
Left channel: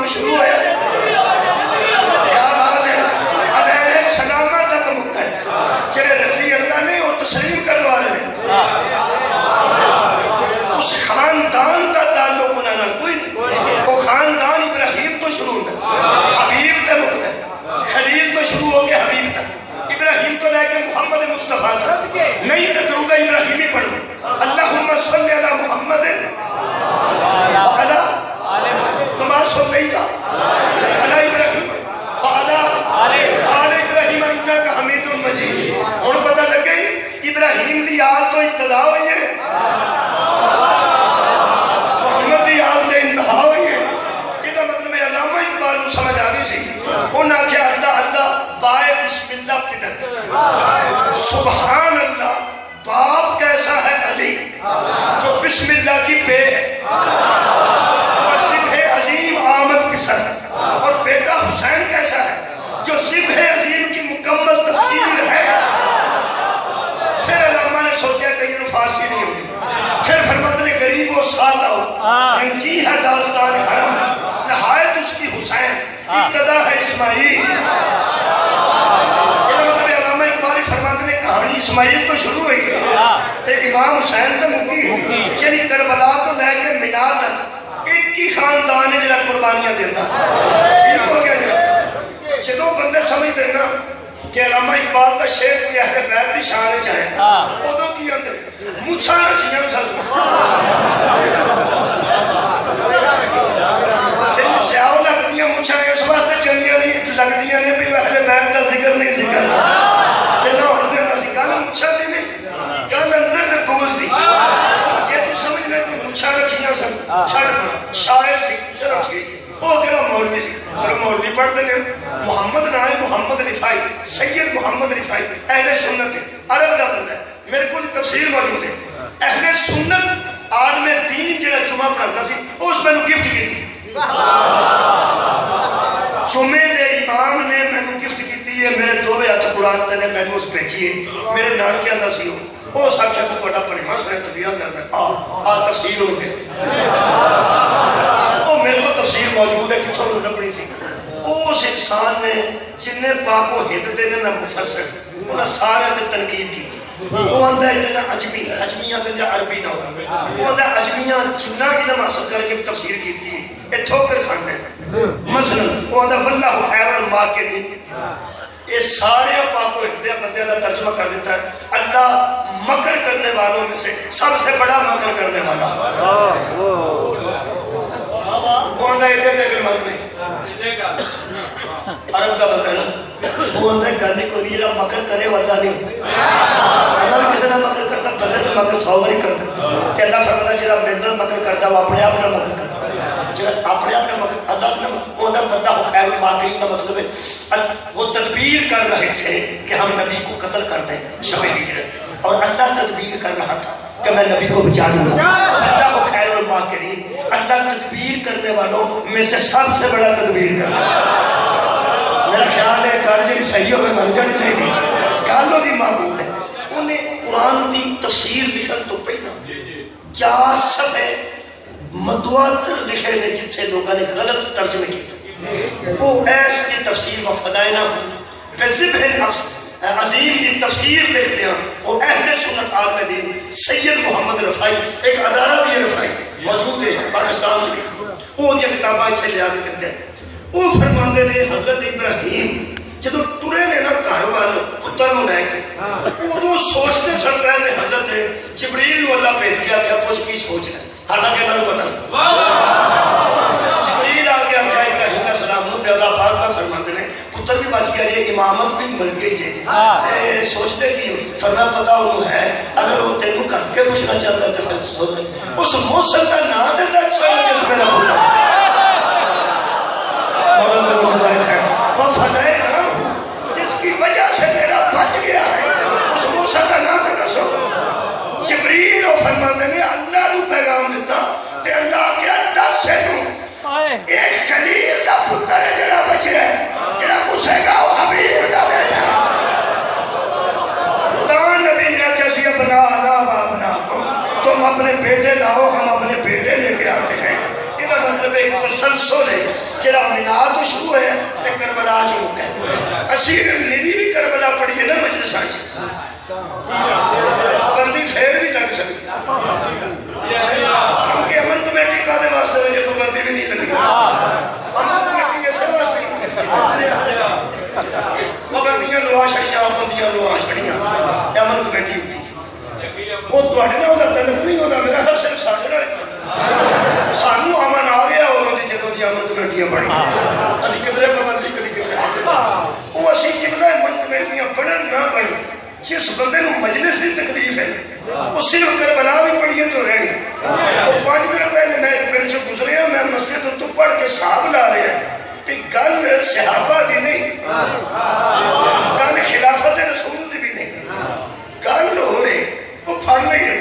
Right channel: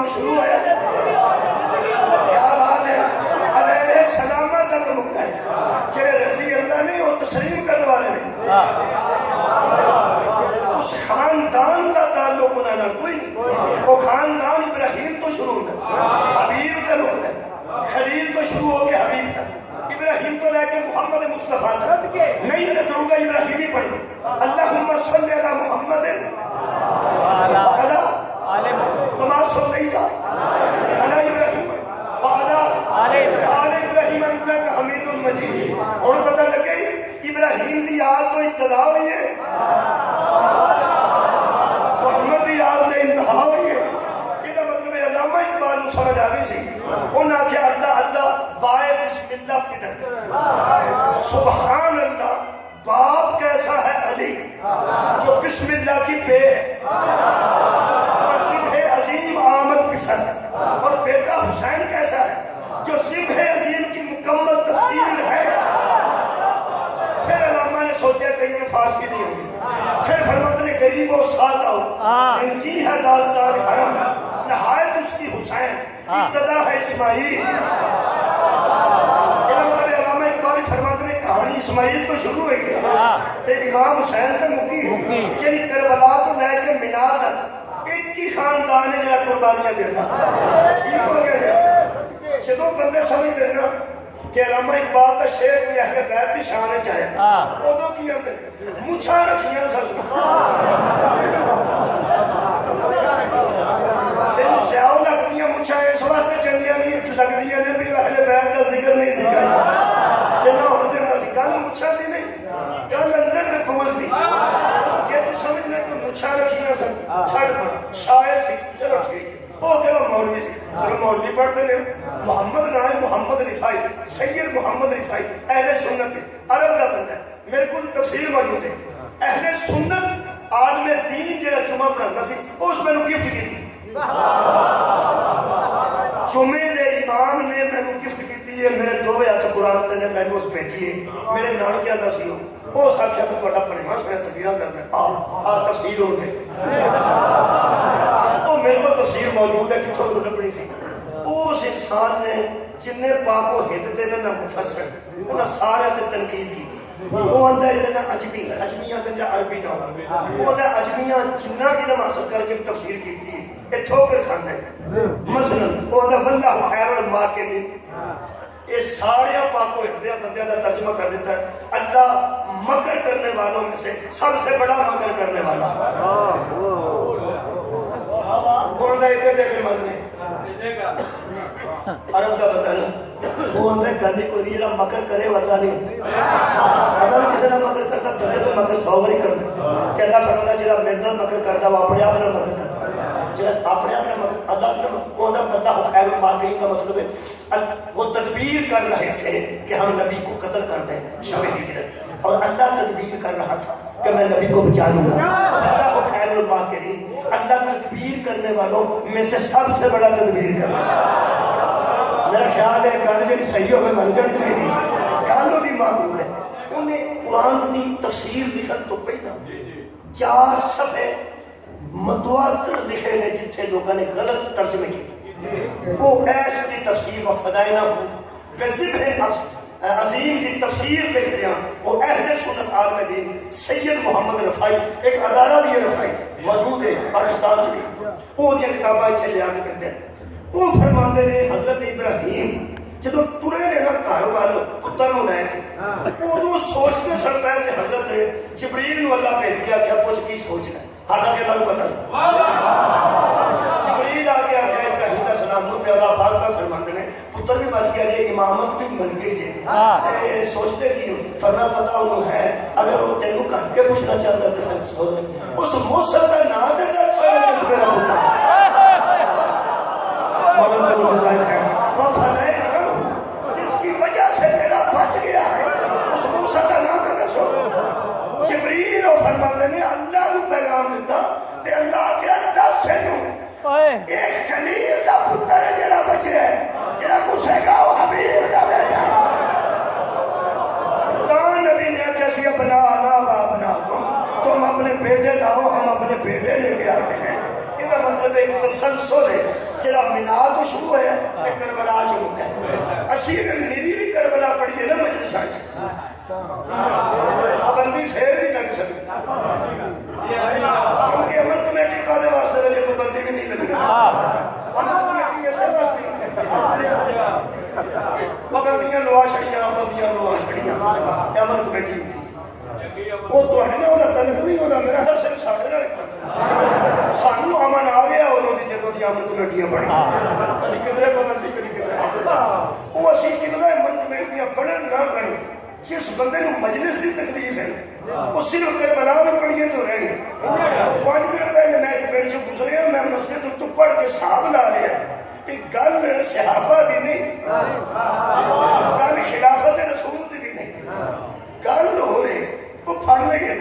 شروع ہے، کیا بات ہے، علیہ السلام تک مکہ ہے، چلے رضی اللہ نے وہ تسلیم کرنے والے ہیں، اس خاندان کا تعلق انہوں نے کوئی نہیں، وہ خاندان ابراہیم تو شروع ہے، حبیب تک مکہ ہے، خلیل تو شروع ہو گیا حبیب تک، ابراہیم تو لے کے محمد مصطفیٰ تک، نہیں تدروں گا ابراہیمی پڑھ لو، اللہم صلی علی محمد وعلا کما صلیت علی ابراہیم وعلا آل ابراہیم انک حمید مجید۔ اور پتہ لگ گئی ابراہیم دی آل تو ابتدا ہوئی ہے، محمد دی آل تو انتہا ہوئی ہے۔ یہ مطلب علامہ اقبال کو سمجھ آ گئی سی، انہوں نے کہا اللہ اللہ بائے بسم اللہ پدر، سبحان اللہ باپ کیسا ہے علی جو بسم اللہ کی بے ہے، اور بیٹا حسین کیسا ہے جو ذبح عظیم کی مکمل تفسیر ہے۔ پھر علامہ نے سوچا کہ یہ فارسی نہیں ہوگی، پھر فرماتے نے غریب و سادہ ہو رنگی ہے داستان حرم، نہایت اس کی حسین ابتدا ہے اسماعیل۔ علامہ اقبال فرماتے نے کہانی اسماعیل تو شروع ہوئی ہے، امام حسین تو مکی ہے، یعنی کربلا تو لے کے مینا تک ایک ہی خاندان ہے جہاں قربانیاں دیتا ہے۔ ٹھیک ہو گیا جی؟ جدو بندے سمجھ دینا کہ علامہ اقبال کا شعر کوئی اہل بیت کی شان چاہے، ادو کی اندر مچھاں رکھیاں سب تینوں سیاؤ لگتی ہیں مچھاں اس واسطے چنگیاں نہیں لگتی ہیں بھی اہل بیت کا ذکر نہیں سی کرنا، تینوں ہر دن کا سی گل مچھاں دی نہیں، گل اندر دے بوجھ دی۔ جے تو سمجھ میں کوئی مچھاں رکھیاں سب چھڑنا شاعر سی، چلو ٹھیک ہے، وہ کہڑا مولوی سی، چلو مولوی پڑھتے ہیں، محمد نام ہے محمد رفائی، سید محمد رفائی، اہل سنت ہے، عرب کا بندہ ہے، میرے کو تفسیر موجود ہے، اہل سنت عالم دین جڑا جمعہ پڑھاتا سی اس میں گفٹ کی تھی، جمعے دے امام نے میں گفٹ کی ہے، میرے دو ہاتھ قرآن تے نے میں اس بھیجی ہے، میرے نانکے آندا سی وہ ساکھا کو بڑا پڑھی مس میں تفسیراں کرتا ہے، آ تفسیر ہو گئے، وہ میرے کو تفسیر موجود ہے کتھوں تو نہ پڑھی سی۔ اس انسان نے جنہیں پاک و ہند دے نہ مفسر انہیں سارے تے تنقید کی تھی، وہ آندہ ہے جنہیں عجمی، عجمیاں دے جا عربی نہ ہوا، وہ آندہ ہے عجمیاں جنہ کی نہ حاصل کر کے تفسیر کی تھی، اے ٹھوکر کھاندے ہیں، مثلا وہ آندہ واللہ خیر الماکرین، یہ سارے پاک و ہندے بندے کا ترجمہ کر دیتا ہے اللہ مکر کرنے والوں میں سے سب سے بڑا مکر کرنے والا، وہ آندہ ہے دے کر مرنے عرب کا بندہ نا، وہ اندر گانے کو بھی جب مکر کرے والا نہیں، اللہ بھی کسی نہ مکر کرتا بندے تو مکر 100 باری کرتا، کہ اللہ فرماتا جب میرے نال مکر کرتا وہ اپنے آپ نال مکر کرتا۔ الماکرین کا مطلب ہے وہ تدبیر کر رہے تھے کہ ہم نبی کو قتل کر دیں شب ہجرت، اور اللہ تدبیر کر رہا تھا کہ میں نبی کو بچا لوں گا۔ اللہ کو خیر الماکرین، اللہ تدبیر کرنے والوں میں سے سب سے بڑا تدبیر کر رہا ہے۔ میرا خیال ہے کار جی صحیح ہوئے من جانی چاہیے، کالوں کی معلوم ہے انہیں قرآن کی تفسیر لکھن تو پہلا 4 صفحے متواتر لکھے نے جتھے لوگوں نے غلط ترجمے کیے، وہ ایس کی تفسیر و فدائنہ بذبح عظیم کی تفسیر لکھتے ہیں، اور اہل سنت عالم دین سید محمد رفائی، ایک ادارہ بھی رفائی موجود ہے پاکستان میں، وہ دیا کتابیں چھے لیا کے کہتے ہیں۔ وہ فرماندے نے حضرت ابراہیم جدو ٹرے نے نا گھر وال پتر نو لے کے ادو سوچتے سن پے نے حضرت جبریل نو اللہ بھیج کے آخیا پوچھ کی سوچنا ہے، حالانکہ اللہ کو پتا سی جبریل آ کے آخیا ابراہیم علیہ السلام نو پیدا پاک میں فرماتے نے پتر بھی بچ گیا جی، امامت بھی مل گئی جی، سوچتے کی فرما پتا انہوں ہے اگر وہ تینوں کر کے پوچھنا چاہتا ہے تو پھر سو دے اس موسم کا نام دیتا اچھا لگے اس میرا پتر مولانا مجھے ہے وہ فضائے جس کی وجہ سے میرا بچ گیا ہے، اس موسیٰ کا نام دیتا سو جبریل و فرماندے نے اللہ نو پیغام دیتا تے اللہ کیا 10 سے نو ایک خلیل دا پتر ہے جڑا بچے ہے جڑا موسیٰ کا وہ حبیب دا بیٹا ہے۔ تمام نبی نے کیسی بنا لا بنا کو تم اپنے بیٹے لاؤ، ہم اپنے بیٹے لے کے آتے ہیں۔ یہ مطلب ایک تسلسل ہے جڑا میلاد تو شروع ہے تے کربلا شروع ہے۔ اسیر نیری بھی کربلا پڑی ہے نا مجلس آج پابندی پھر بھی لگ سکتی کیونکہ امن کمیٹی کا دے واسطے وجہ پابندی بھی نہیں لگی، امن کمیٹی ایسے واسطے پابندیاں لوا چھڑیاں، پابندیاں لوا چھڑیاں امن کمیٹی ہوتی وہ تواڈے نال دا تعلق نہیں ہوتا، میرا خیال صرف ساڈے نال سانو امن آ گیا وہ جدوں دی امن کمیٹیاں بڑی کدی کدھرے پابندی کدی کدھرے وہ اسی جگہ امن کمیٹیاں بنن نہ بنن جس بندے نو مجلس کی تکلیف ہے وہ صرف کربلا بھی پڑھیے تو رہنی۔ اور 5 دن پہلے میں ایک پنڈ سے گزریا، میں مسجد تو پڑھ کے صاحب لا رہا ہے کہ گل صحابہ دی نہیں، گل خلافت رسول دی بھی نہیں، گل ہو رہی وہ پڑھ لئی ہے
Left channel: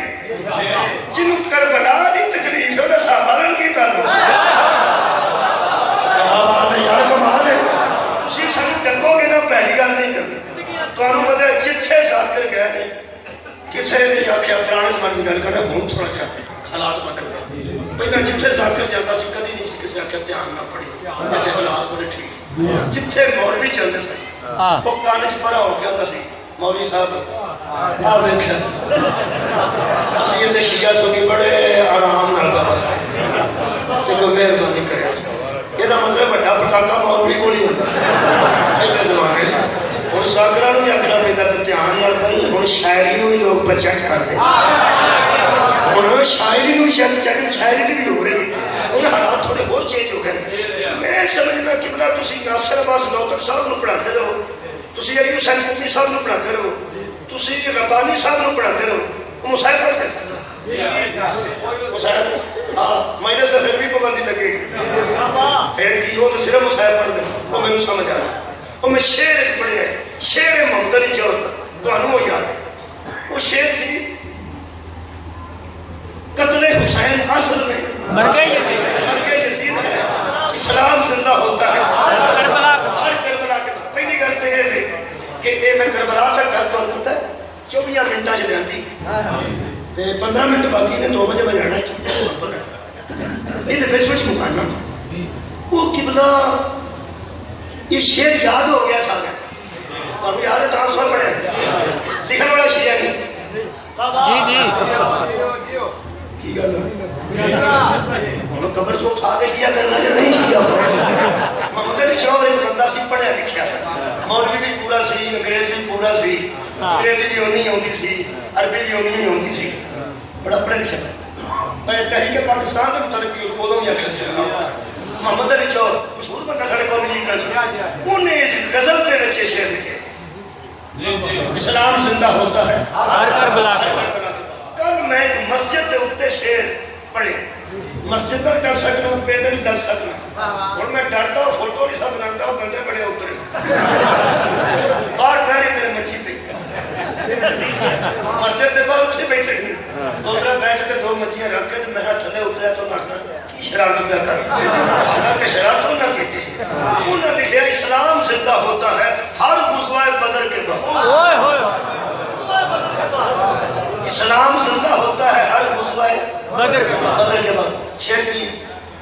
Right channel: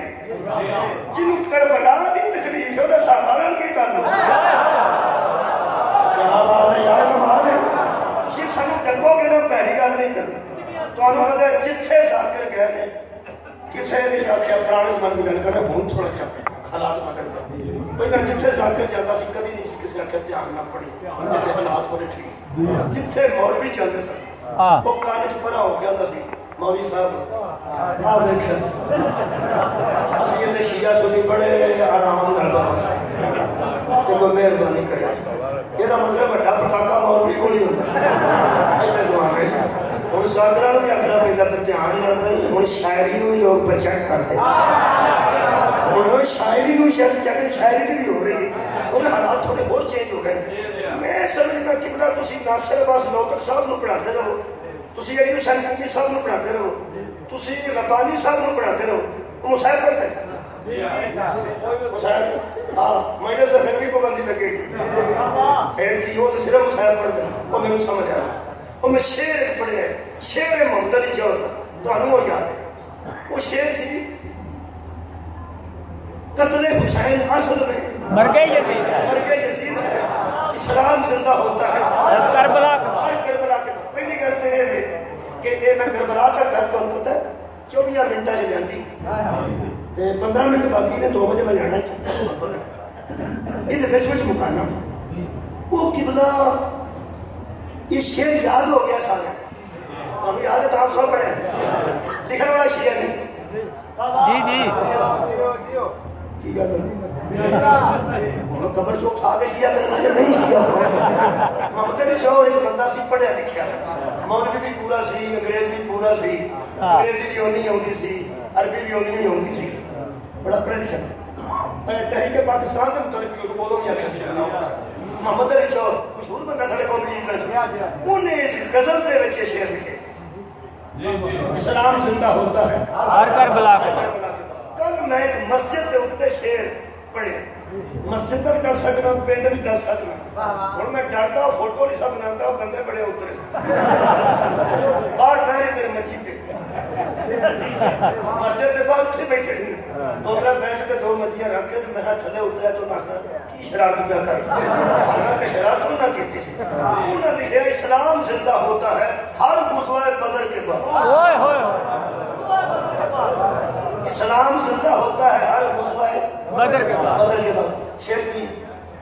جنہوں کربلا دی تکلیف ہے وہ صحابہ رن کی تعلق کیا بات ہے یار، کمال ہے۔ تسی سانو ڈکو گے نا پہلی گل نہیں کرنا تو انہوں پتا ہے جتھے ذاکر گئے نے کسے نے آکھیا پرانے زمانے کی گل کر رہا ہوں تھوڑا کیا حالات بدل گئے، پہلے جتھے ذاکر جاتا سی کدی نہیں کسی آکھیا دھیان نہ پڑی اچھے حالات بڑے ٹھیک، جتھے مولوی جاندے سن وہ کان چ پرا ہو گیا ہوندا سی مولوی صاحب آ ویکھیا اسی اتنے شیعہ سنی بڑے آرام نال گل سن تے کوئی مہربانی کرے، یہ مطلب بڑا پٹاکا مولوی کو نہیں ہوتا پہلے زمانے سے۔ اور ذاکرہ نو بھی اکھنا پہ کرتے دھیان نال پڑھ، ہن شاعری نو لوگ پرچیک کرتے، ہن شاعری نو شاعری دی بھی ہو رہی، ہن حالات تھوڑے بہت چینج ہو گئے۔ میں سمجھدا قبلہ تسی ناصر عباس نوتک صاحب نو پڑھاتے رہو، تسی علی حسین کوفی صاحب نو پڑھاتے رہو، تسی ربانی صاحب نو پڑھاتے رہو، وہ مصاحب پڑھتے مصاحب مجلس سے پھر بھی پابندی لگے گی پھر کی وہ تو صرف مصاحب پڑھتے وہ میں سمجھ آ رہا، وہ میں شعر ایک پڑھیا ہے، شعر محمد علی جوہر تو وہ یاد ہے، وہ شعر سی قتل حسین اصل میں مرگے یزید ہے، اسلام زندہ ہوتا ہے ہر کربلا کے بعد۔ پہلی کرتے ہیں کہ اے میں کربلا تک گھر تو پتہ ہے 24 منٹاں چ جاندی تے 15 منٹ باقی نے 2 بجے میں جانا ہے، یہ تو بچ مکانا وہ قبلہ یہ شعر یاد ہو گیا سارے اب یاد ہے تاں سب پڑھے لکھن والا شیعہ نہیں جی کی گل ہے قبر چ اٹھا کے کیا کرنا یا نہیں کیا محمد علی جوہر ایک بندہ سی پڑھیا لکھیا مولوی بھی پورا سی، انگریز بھی پورا سی، انگریزی بھی اونی ہوندی سی، عربی بھی اونی ہوندی سی، بڑا پڑھا لکھا میں تحریک پاکستان کے متعلق بھی اس کو بھی آخیا سی محمد علی جوہر مشہور بندہ سارے قومی لیڈر سے، انہیں اس غزل کے بچے شعر لکھے اسلام زندہ ہوتا ہے ہر کربلا کے بعد۔ کل میں ایک مسجد کے اوپر شعر پڑھے، مسجد پر کر سکنا، پنڈ بھی کر سکنا، اور میں ڈرتا فوٹو نہیں سب بناتا ادھر بیٹھ کے 2 منجیاں رکھ کے میں تھلے اتریا تو لگنا کی شرارت پہ کر حالانکہ شرارت نہ کی تھی انہوں نے لکھا اسلام زندہ ہوتا ہے ہر غزوہ بدر کے بعد اسلام زندہ ہوتا ہے ہر غزوہ بدر کے بعد شیر کی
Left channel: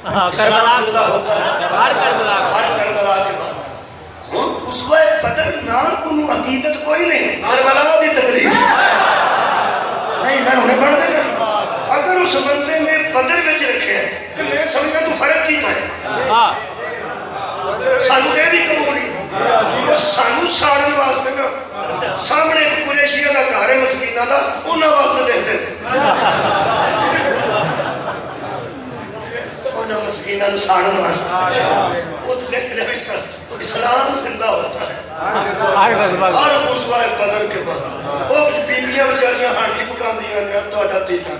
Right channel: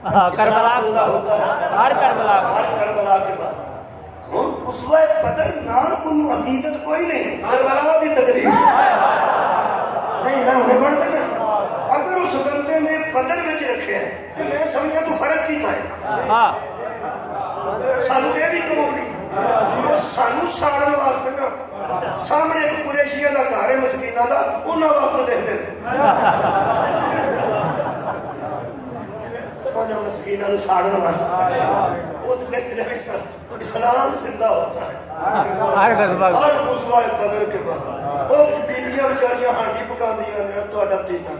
اسلام زندہ ہوتا ہے ہر کربلا کے بعد غزوہ بدر نال انہوں عقیدت کوئی نہیں کربلا دی تقریر نہیں میں انہیں پڑھ دینا اگر اس بندے نے بدر میں رکھے ہیں تو میں سمجھنا تو فرق نہیں پائے سانو دے بھی قبولی وہ سانو سارن واسطے نا سامنے ایک قریشیہ کا گھر ہے مسکینہ دا انہاں واسطے لکھ دے انہاں مسکینہ نو سارن واسطے وہ تو لکھ دے اسلام زندہ ہوتا ہے ہر غزوہ بدر کے بعد وہ بیبیاں بیچاریاں ہانڈی پکاندیاں نے تہاڈا تیلا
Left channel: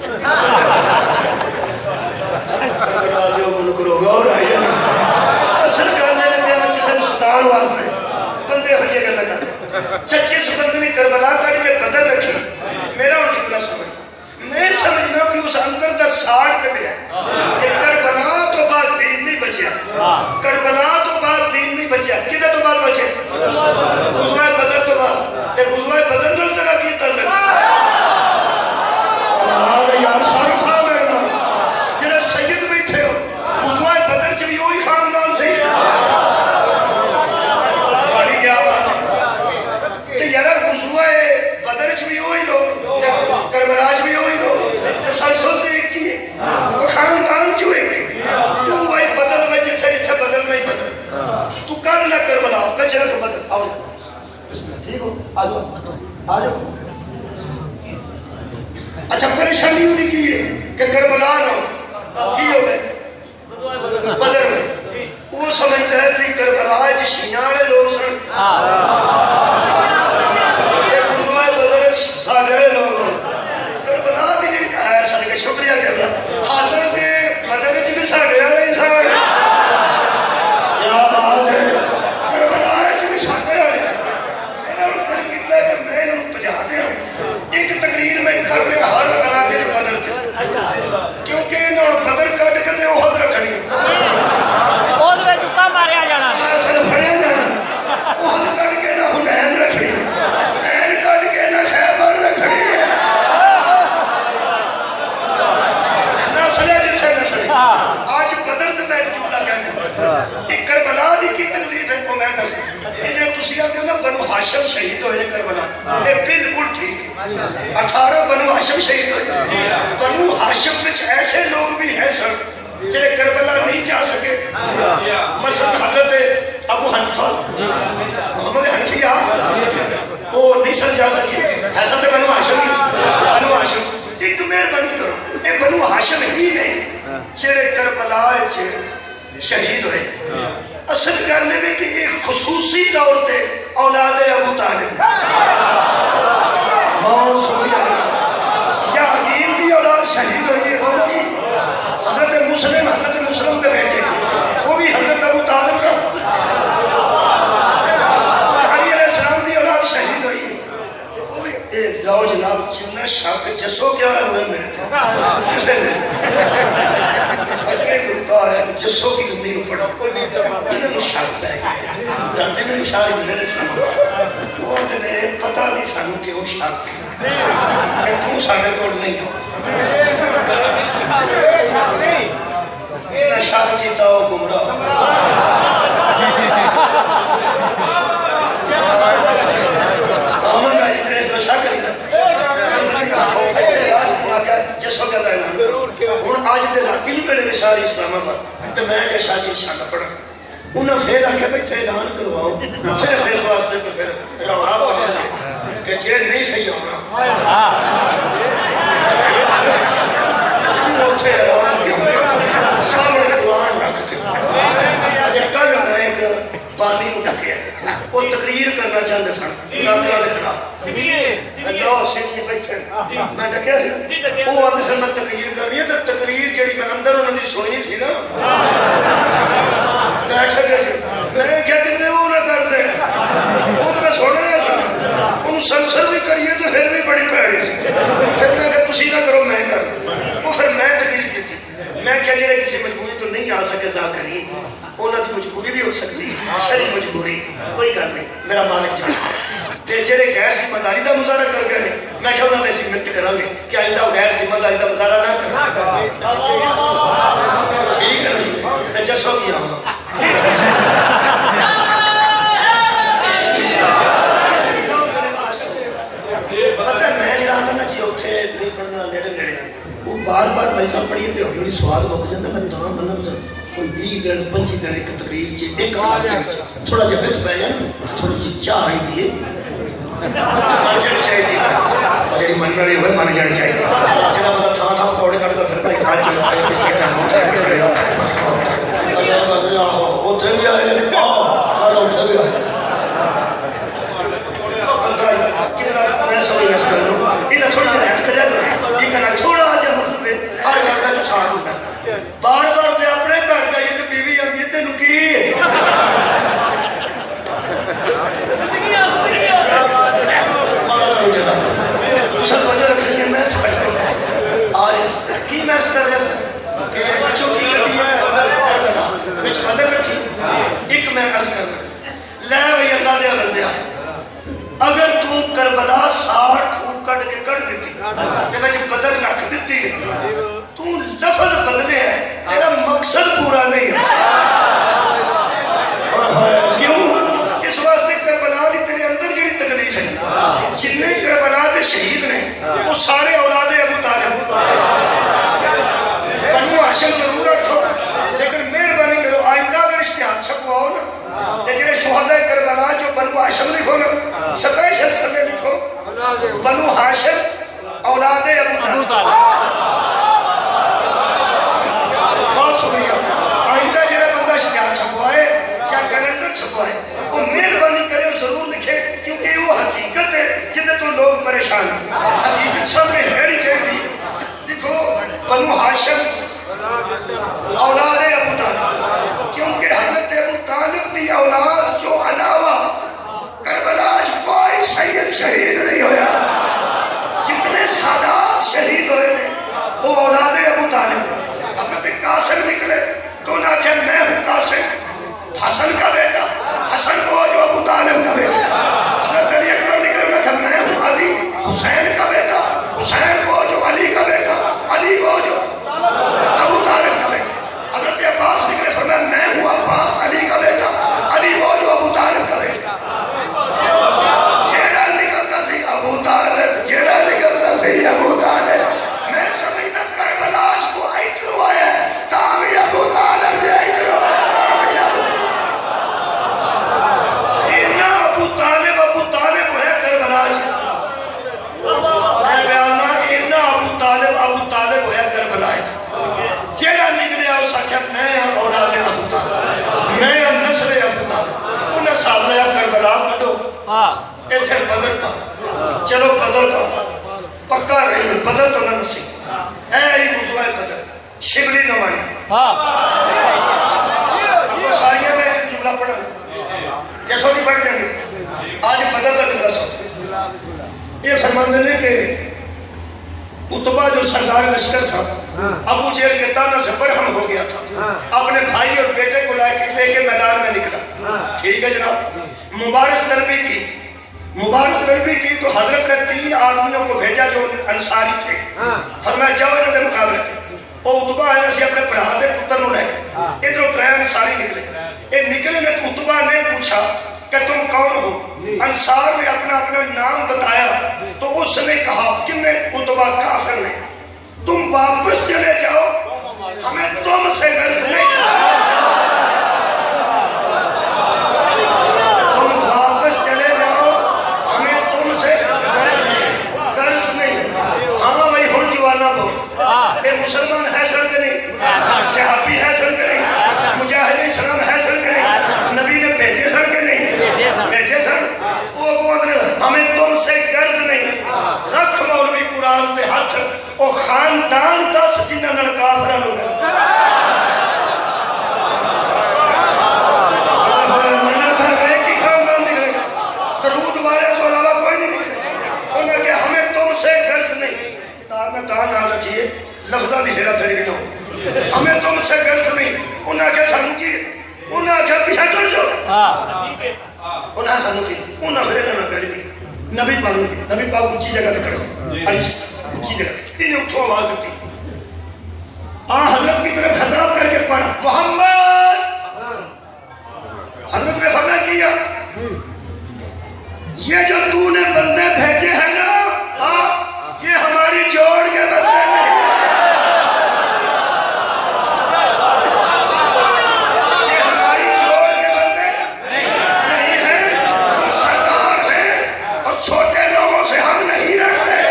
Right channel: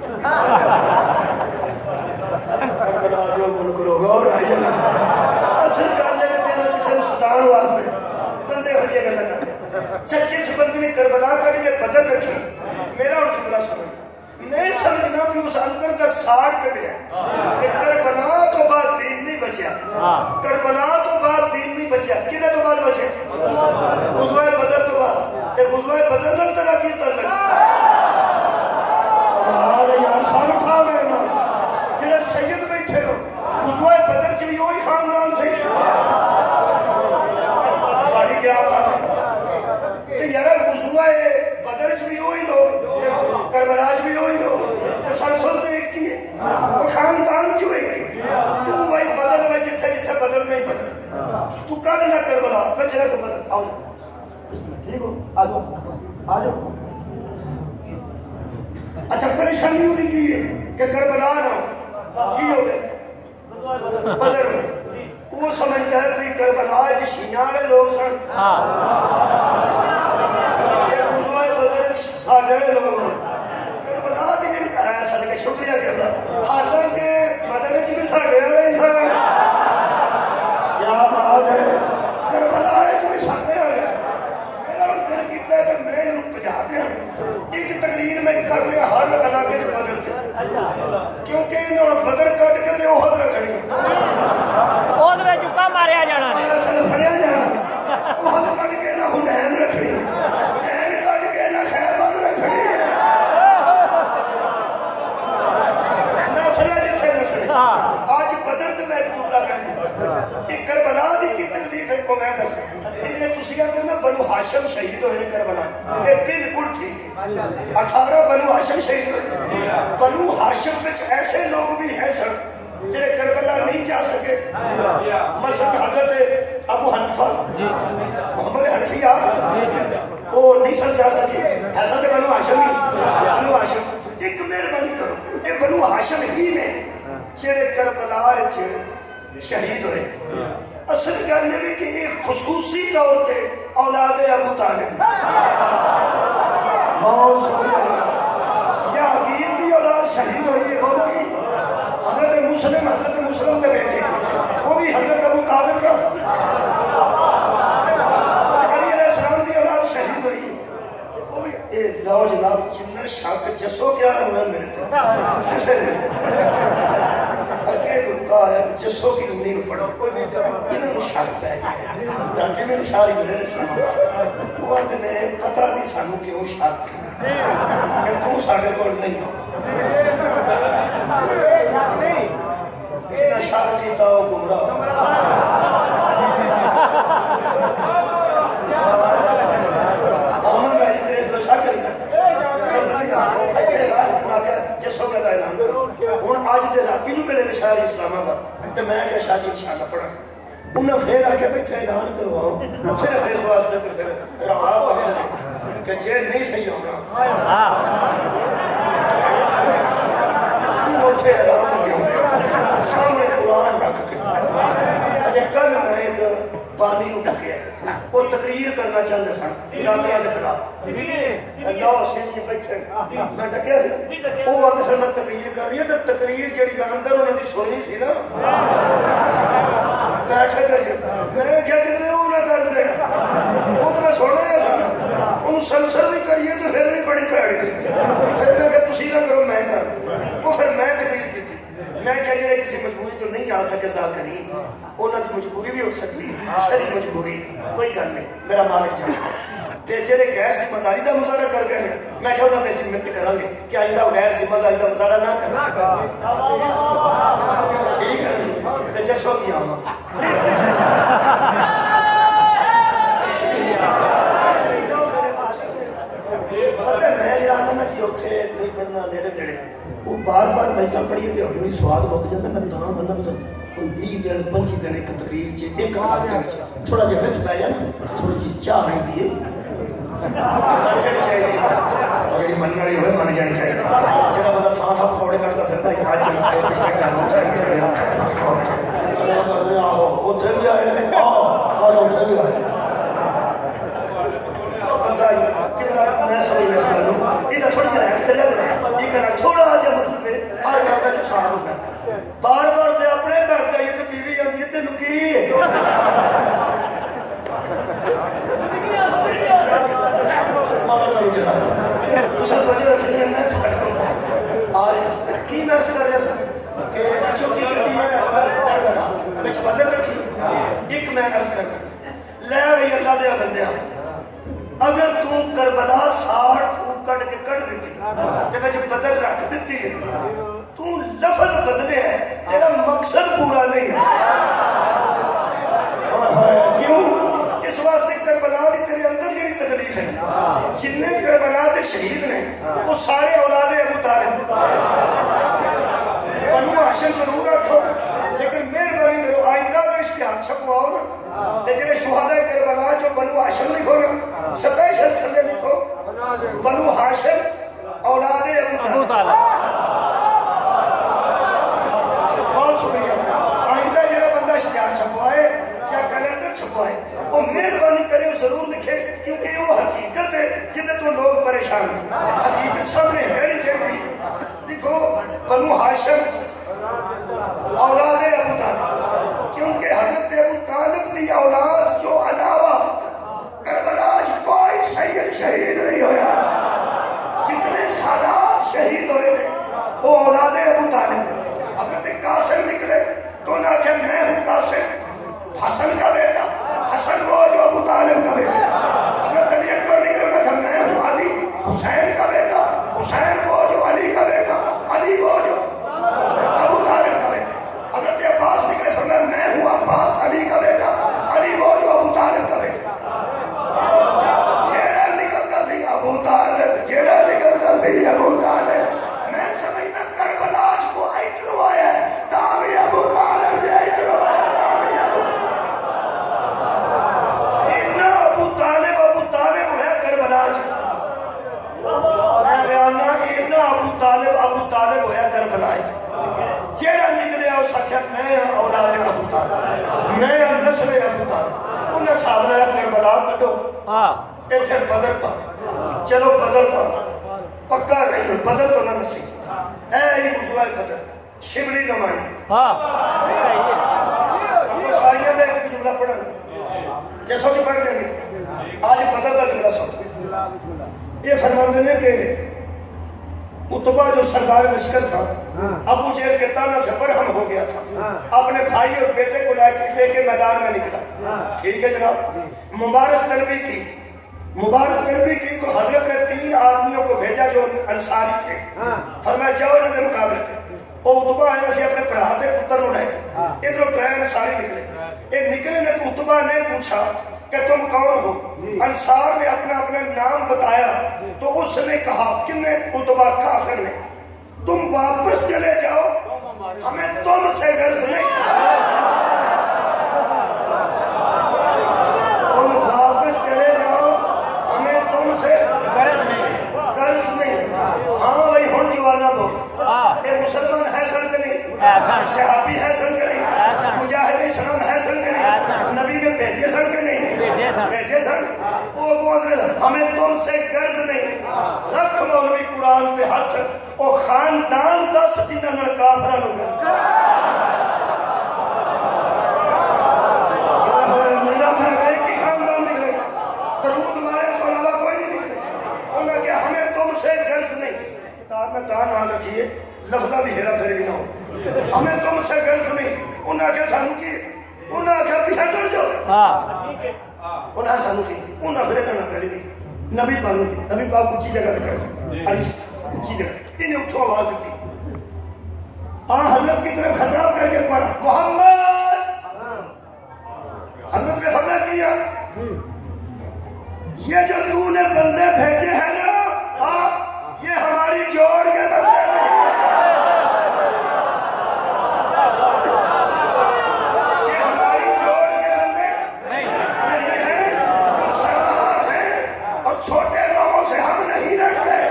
کربلا دیو من کرو غور آئی جانا اصل گل ہے کہ میں کسی سلطان واسطے بندے ہو یہ گل کرتے چچے اس بندے نے کربلا کٹ کے بدر رکھی میرا ان کی بلا سمجھ میں سمجھنا کہ اس اندر کا ساڑ کٹیا کہ کربلا تو بعد دین نہیں بچیا کربلا تو بعد دین نہیں بچیا کدھر تو بعد بچے غزوہ بدر تو بعد تے غزوہ بدر نال تیرا کی تعلق یار شرم تھا میرے نال جڑے سید بیٹھے ہو غزوہ بدر چ بھی وہی خاندان سے گاڑی کیا بات ہے کہ یار غزوہ بدر چ بھی وہی لوگ کربلا چ بھی وہی لوگ تسلسل تے ایک ہی ہے وہ خاندان کیوں ایک ہے تو وہی بدل میں جتھے جتھے بدل نہیں بدل تو کر نہ کربلا میں چلا کے بدل آؤ ٹھیک ہو آجو آجو اچھا پریشانی ہوتی کی ہے کہ کربلا نہ کی ہو گئے بدر میں وہ سمجھتا ہے کہ کربلا جی شیعہ لوگ سن کہ غزوہ بدر ساڑھے لوگ کربلا کی جی سن کے شکریہ کرنا حالانکہ بدر جی بھی ساڑھے والے سن کیا بات ہے کربلا جی بھی ساڑھے والے میرا دل کیتا ہے کہ میں انہوں پجا دیا ایک تقریر میں کر رہے ہر علاقے سے بدر تھے کیونکہ انہوں بدر کٹ کے تے احد رکھنی احد میں جکا ماریا جانا اصل پڑھیا جانا احد کٹ کے نہ حنین رکھنی حنین کٹ کے نہ خیبر رکھنی نسلے جتھے نسلے آج بدر تے میں جملہ کہنا ایک کربلا دی کی تکلیف ہے کو میں دسا یہ جو تسی آتے نا بنو ہاشم شہید ہوئے کربلا یہ بالکل ٹھیک ہے 18 بنو ہاشم شہید ہوئے بنو ہاشم میں ایسے لوگ بھی ہیں سر جنہیں کربلا نہیں جا سکے مثلا حضرت ابو حنیفہ محمد حنفیہ وہ نہیں سر جا سکے حضرت بنو ہاشم ایک مہربانی کرو یہ بنو ہاشم ہی نہیں جنہیں کربلا شہید ہوئے اصل کرنے میں کہ ایک خصوصی طور پہ اولاد ابو طالب بہت شکریہ یا عقیل کی اولاد شہید ہوئی ہے بولو جی حضرت مسلم کے بیٹے وہ بھی حضرت ابو طالب کا علی علیہ السلام کی اولاد شہید ہوئی وہ بھی جاؤ جناب جنہ شاک جسو کیا ہوئے میرے تھے کسے میں اگلے گروہ ہے جسو کی زمین پڑھا انہیں شاک پہ گئے رہتے میں شاک ملے اسلام وہ انہیں پتہ نہیں سانو کہ وہ شاک کہ تم ساڑھے کوڑ نہیں ہو جنہیں شاک کیتا ہو گمراہ آمد آئی میرے جو شاک نہیں جسو کہتا ہے اعلان کرو آج دے راتی نہیں پڑے رشاری اسلام آباد تو میں کہ شاہی اشارہ پڑھا انہاں پھر آکھے بیٹھے اعلان کرواؤ صرف اس واسطے پھر روڑا پڑھا کہ جے نہیں صحیح ہونا تو اٹھے اعلان کیا سامنے قرآن رکھ کے اجے کل میں ایک پانی اٹھکے وہ تقریر کرنا چاہتے سن جاندرہ دے خلاف اللہ سینی بیٹھے میں ڈکیا سی وہ وقت سے میں تقریر کر رہی ہے تو تقریر جڑی میں اندر انہوں نے سنی تھی نا بیٹھا گیا سی میں کیا کہتے وہ نہ کر دے وہ تو میں سونا گیا سنا ان سنسر بھی کریے تو پھر بھی بڑی پیڑی سی پھر میں کہ تسی نہ کرو میں کر نہیں آ سکے ذاکرین انہاں دی مجبوری بھی ہو سکتی ہے شرعی مجبوری کوئی گل نہیں میرا مالک جانے تے جڑے غیر ذمہ داری دا مظاہرہ کر گئے میں کہ انہاں نے سمت کران گے کہ آئندہ غیر ذمہ داری دا مظاہرہ نہ کریں ٹھیک ہے جی تے جسو کی آواں پتہ میں جڑا نا جی اوتھے نہیں پڑھنا نیڑے نیڑے وہ بار بار پیسہ پڑھیے تے ہمیں سوال مک جاندا میں تاں مطلب کوئی 20 دن 25 دن ایک تقریر چ ایک تھوڑا جہا وچ پہ جائے تھوڑی جی چاہ آئی دی من جانی چاہیے اور جی من والی ہوئے من جانی چاہیے جہاں بندہ تھان تھان پکوڑے کٹ کا پھرتا ہے کھا اتنے بھی آئے کل اتنے بھی آئے میں سمجھ اس گل یہ تھوڑا جہا رحمت کریا کرو یہ کہنا تھوڑا جہا مطلب ہے ہر گل کا ساتھ ہوتا ہے بار بار تے اپنے گھر جائیے تو بیوی آتی ہے تینوں کی سب وجہ رکھنی ہے میں آج کی میں اس کر رہا کہ چوکی کٹی ہے کربلا وچ بدل رکھی ایک میں عرض کرنا لے وہی اللہ دے بندیا اگر تو کربلا 60 پھوک کٹ کے کٹ دیتی تے وچ بدل رکھ دیتی تو لفظ بدلے ہے تیرا مقصد پورا نہیں ہے کیوں اس واسطے کربلا دی تیرے اندر جڑی تکلیف ہے جتنے کربلا دے شہید نے وہ سارے اولاد ابو طالب بنو ہاشم ضرور رکھو لیکن مہربانی کرو آئندہ اگر اشتہار چھپواؤ نا تے جڑے شہداء کربلا جو بنو ہاشم لکھو نا سپیشل تھلے لکھو بنو ہاشم اولاد ابو طالب بہت شکریہ آئندہ جڑے بندہ اشتہار چھپوائے یا کیلنڈر چھپوائے وہ مہربانی کرے ضرور لکھے کیونکہ وہ حقیقت ہے جنہیں تو لوگ پریشان ہیں حقیقت سامنے رہنی چاہیے دیکھو بنو ہاشم اولاد ابو طالب کیونکہ حضرت ابو طالب کی اولاد جو علاوہ کربلا کوئی سید شہید نہیں ہویا جتنے سادات شہید ہوئے وہ اولاد ابو طالب حضرت قاسم نکلے تو نہ کہ میں ہوں قاسم حسن کا بیٹا حسن وہ جو ابو طالب کا بیٹا حضرت علی اکبر نکلے میں کہ میں ہوں علی حسین کا بیٹا حسین وہ جو علی کا بیٹا علی وہ جو ابو طالب کا بیٹا حضرت عباس نکلے فرمایا میں ہوں عباس علی کا بیٹا علی وہ جو ابو طالب کا بیٹا جیڑا نکلتا سی ابو طالب جیڑا نکلتا سی ابو طالب میں سمجھنا کربلا کو ادھر آیا ہے تاوی ابو طالب سے ادھر آیا تاوی ابو طالب ہے کربلا میں بیاننا اینا ابو طالب ہے کربلا جیڑا نکلیا اس آکھیا میں اولاد ابو طالب میں نسل ابو طالب انہیں ساتھ لیا کربلا کٹو ایتھے بدل پا چلو بدل پا پکا رہی بدل تو نہ نسی اے ہی موضوع بدل شبلی نمائی اپنے ساریوں میں ایک جملہ پڑھا جیسو نہیں پڑھ لیں گے آج بدل کا جملہ سو یہ فرماندے نے کہ اتبا جو سردار لشکر تھا ابو جہل کے تانا سے برہم ہو گیا تھا اپنے بھائی اور بیٹے کو لے کے میدان میں نکلا ٹھیک ہے جناب مبارز تربی کی تو حضرت نے 3 آدمیوں کو بھیجا جو انصاری تھے فرمایا جاؤ انہوں نے مقابلے تھے وہ اتبا آیا سی اپنے برا دے پتر نو لے ادھر 3 انصاری نکلے یہ نکلے میں اتبا نے پوچھا کہ تم کون ہو انصار نے اپنا نام بتایا تو اس نے کہا کن اتبا کافر نے تم واپس چلے جاؤ ہمیں تم سے غرض نہیں تم واپس چلے جاؤ ہمیں تم سے غرض نہیں ہاں بھائی ہوں جوانا بہت یہ مسلمان ہے سڑک نہیں صحابی ہے سڑک نہیں مجاہد اسلام ہے سڑک نہیں نبی نے بھیجے سڑک نہیں بھیجے سڑک وہ ہمیں تم سے غرض نہیں رکھ مولوی قرآن پہ ہاتھ او خاندان 10 جنہاں نال کافراں نوں مننا پہ گئے کہ خاندان نکلے درود والے تو علاوہ کوئی نہیں نکلے انہوں نے کہا ہمیں تم سے غرض نہیں کتاب میں کہاں نام رکھیے لفظہ بھی ہیرا پھیری نہ ہو ہمیں تم سے غرض نہیں انہیں آخیا سانو کی انہیں آخیا پیچھے ٹر جاؤ انہیں سانو کی انہیں پھر انہوں نے گلی نبی پاک کی نبی پاک اونچی جگہ پہ کھڑے اونچی جگہ انہیں اتھوں آواز دیتی حضرت کی طرف خطاب کر کے پڑھا محمد حضرت نے فرمایا کیا یہ جو تو نے بندے بھیجے ہیں نا یہ ہماری جوڑ کے بندے ہیں یہ ہماری جوڑ کے بندے نہیں ہیں ہم سردار ہیں اور چھوٹے لوگوں سے ہم نہیں لڑتے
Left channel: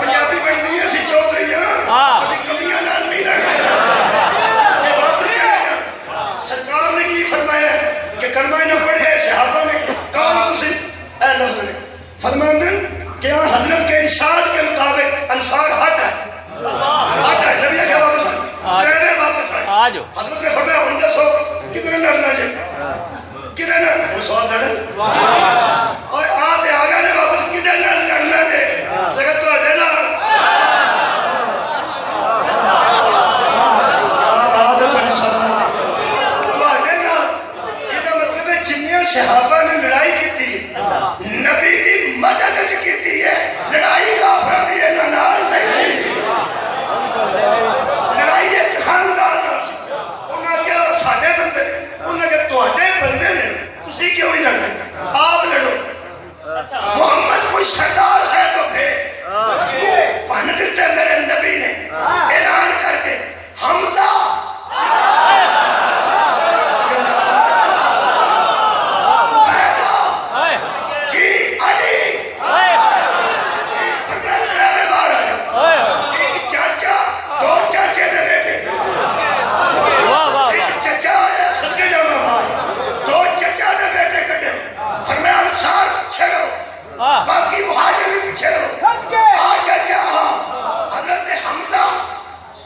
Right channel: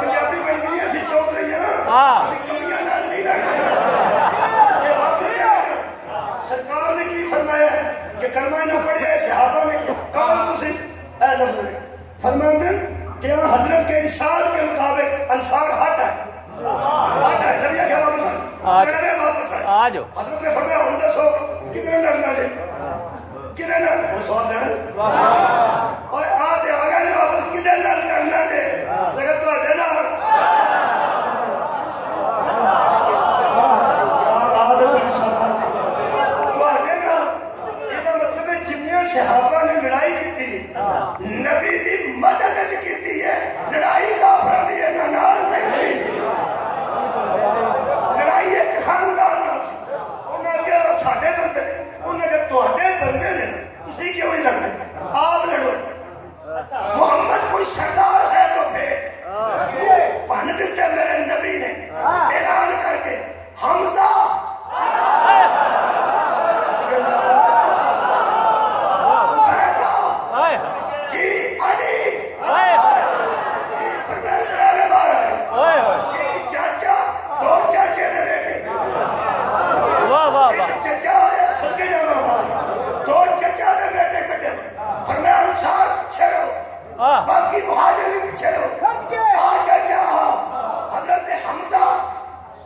پنجابی بڑی نہیں ایسی چودھری اسی کمیاں نال نہیں لڑتے یہ بات نہیں ہے سرکار نے کی فرمایا کہ کلمہ نہ پڑھے صحابہ نے کہا کسی اے لفظ نے فرماتے کہ یہاں حضرت کے ارشاد کے مطابق انصار ہٹ ہے نبی کیا واپس آئے حضرت نے فرمایا ہوں دسو کتنے لڑنا جائے کتنے لڑنا سوال لڑنا اور آپ آگا نے واپس کتنے لڑنا جائے لیکن تو اڈے لڑ صحابہ نے لڑائی کی تھی نبی دی مدد کی تھی ہے لڑائی کافرہ دی نال نہیں لڑائی ایک خاندان انہاں کیا ساڈے بندے انہاں کہ تواڈے بندے نے تسی کیوں نہیں لڑتے آپ لڑو محمد کوئی سردار ہے تو پھر بن دیتے میرے نبی نے اعلان کر کے حمزہ باقی مہاجرین پیچھے رہو حضرت حمزہ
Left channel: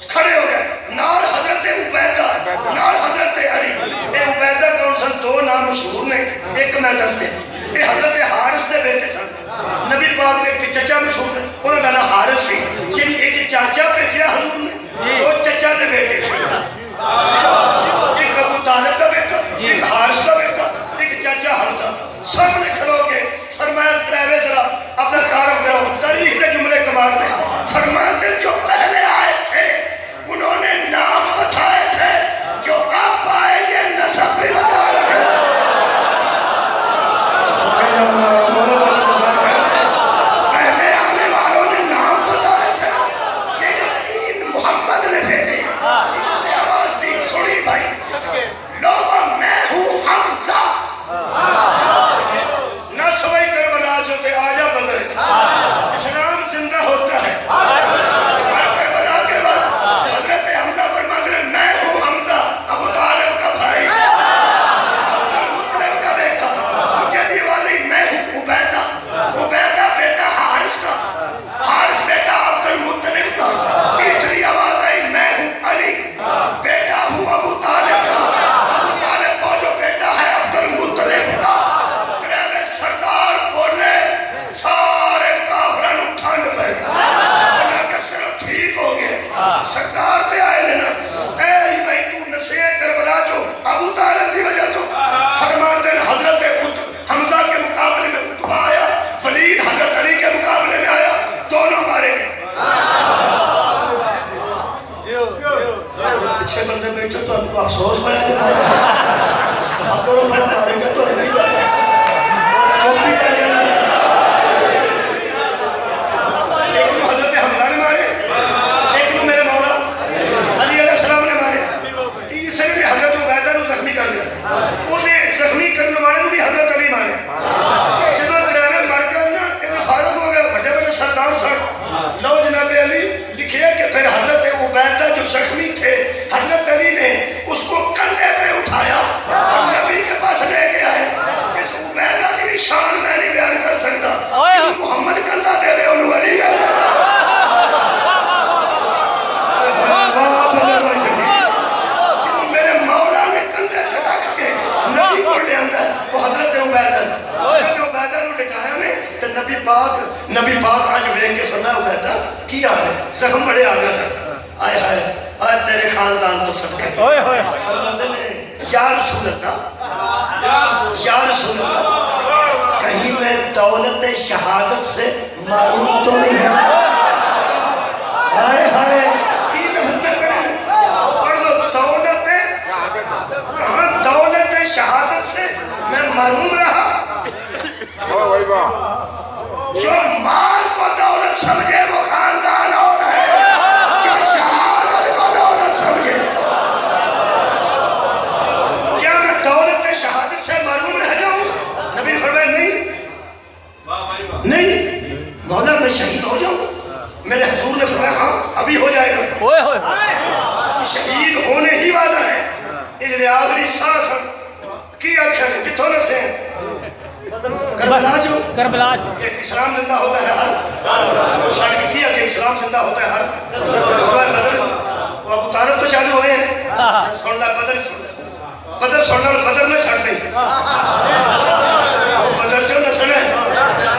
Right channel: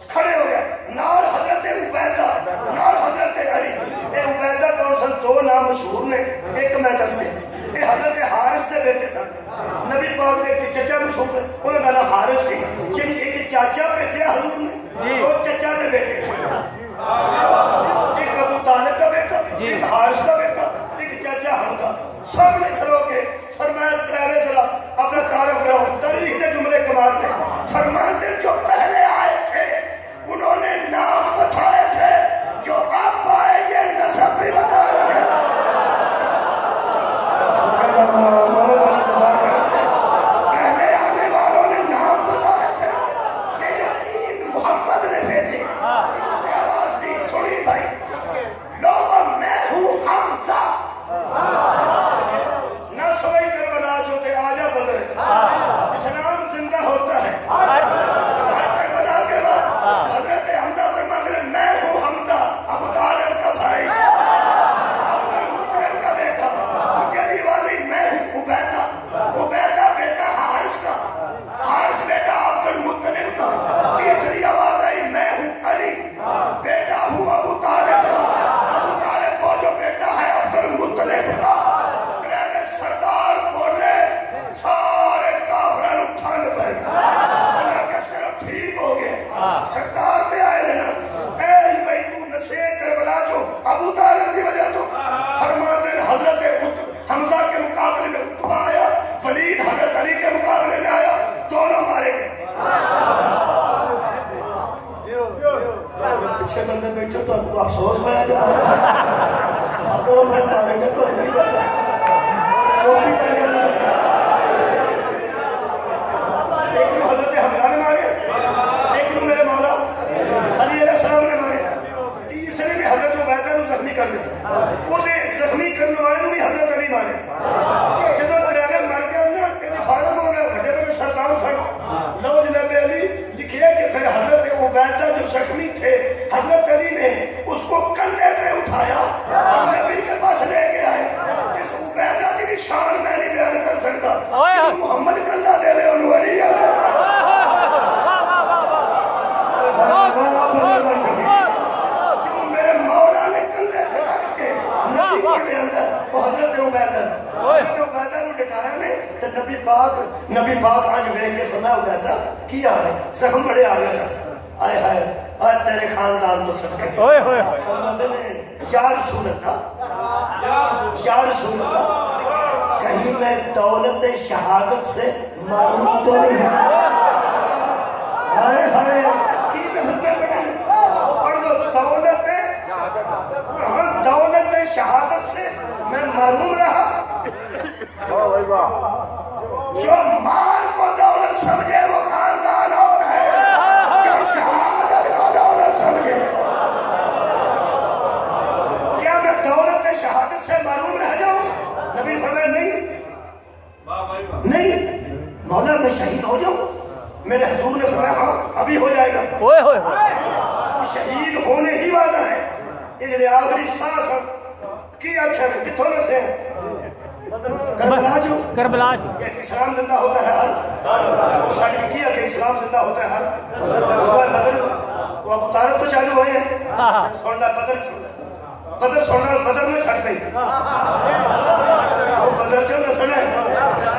کھڑے ہو گئے نال حضرت عبیدہ نال حضرت علی اے عبیدہ کون سن دو نام مشہور نے ایک میں دس دے اے حضرت حارث دے بیٹے سن نبی پاک نے ایک چچا مشہور ہے انہوں کا نام حارث سی جن ایک چاچا بھیجیا حضور نے دو چچا دے بیٹے ایک ابو طالب کا بیٹا ایک حارث کا بیٹا ایک چاچا حمزہ سب نے کھلو کے فرمایا تریوے ذرا اپنا کارو کرو تاریخ کے جملے کمال میں فرماتے جو پہلے آئے تھے انہوں نے نام بتائے تھے جو اب آئے یہ نسب بھی بتا رہے ہیں پہلے آنے والوں نے نام بتائے تھے یہ جو تین محمد نے بھیجے انہوں نے آواز دی سنی بھائی لوگوں میں ہوں حمزہ اسلام زندہ ہوتا ہے کربلا کے بعد حضرت حمزہ فرماتے ہیں میں ہوں حمزہ ابو طالب کا بھائی عبد المطلب کا بیٹا تجھے دیوالی میں ہوں عبیدہ عبیدہ بیٹا حارث کا حارث بیٹا عبد المطلب کا تیسری آواز آئی میں ہوں علی بیٹا ہوں ابو طالب کا ابو طالب کو جو بیٹا ہے عبد المطلب کا سردار بولے سارے کافران اٹھانگ پہ اللہ کا صرف ٹھیک ہو گیا سردار تے آئے لینا اے بھائی تو نسیح کربلا جو ابو طالب دی وجہ تو فرماتے ہیں حضرت حمزہ کے مقابلے میں اتبا آیا ولید حضرت علی کے مقابلے میں آیا دونوں مارے گئے پچھے بندے بیٹھے تو آپ کو افسوس ہویا جو دونوں مارے گئے تو نہیں بڑھا چوپی کر جانا ایک نو حضرت حمزہ نے مارے ایک نو میرے مولا علی علیہ السلام نے مارے تیسرے نے حضرت عبیدہ نو زخمی کر دیتا وہ نے زخمی کرنے والے نو بھی حضرت علی مارے جب تریوے مر گئے نا یہ فارغ ہو گیا بڑے بڑے سردار سن لو جناب علی لکھے کہ پھر حضرت عبیدہ جو زخمی تھے حضرت علی نے اس کو کندھے پہ اٹھایا اور نبی کے پاس لے گیا ہے اس عبیدہ کی شان میں نہیں بیان کر سکتا کہ محمد کندھا دے رہے انہوں علی ہے جنہوں میرے مولا نے کندھے پہ رکھ کے نبی کو لے اندر وہ حضرت عبیدہ نو لٹایا نے تو نبی پاک آج ہوئے کہ فرمایا عبیدہ کیا ہے زخم بڑے آگے سر آئے اور تیرے خاندان تو صدقے فرماتے ہیں یا رسول اللہ یا رسول اللہ کہیں میں دولت شہادت سے معروم تو نہیں ہوں؟ ہائے ہائے کی لفظ میں پڑھ لو دولت شہادت سے میں معروم رہا. جو مال کو دولت سمجھے وہ خاندان اور ہے، جو شہادت کو دولت سمجھے. کیا میں دولت شہادت سے معروم رہ جاؤں؟ نبی فرمائے نہیں مولا میں شہید ہو جاؤں گا. میرے حضور نے فرمایا ہاں ابھی ہو جائے گا. تو شہید ہونے ہی والا ہے. اس لیے آخری سانس کی آنکھیں کتوں نے سے کربلا جو کہ اسلام زندہ ہوتا ہے ہر وہ چھڑ کے کیا کہ اسلام زندہ ہوتا ہے ہر. اس بار بدر وہ ابو طالب تو چالو ہوئے ہیں چھوڑنا بدر چھوڑنا بدر میں چھڑ گئی. بدر جو نسل ہے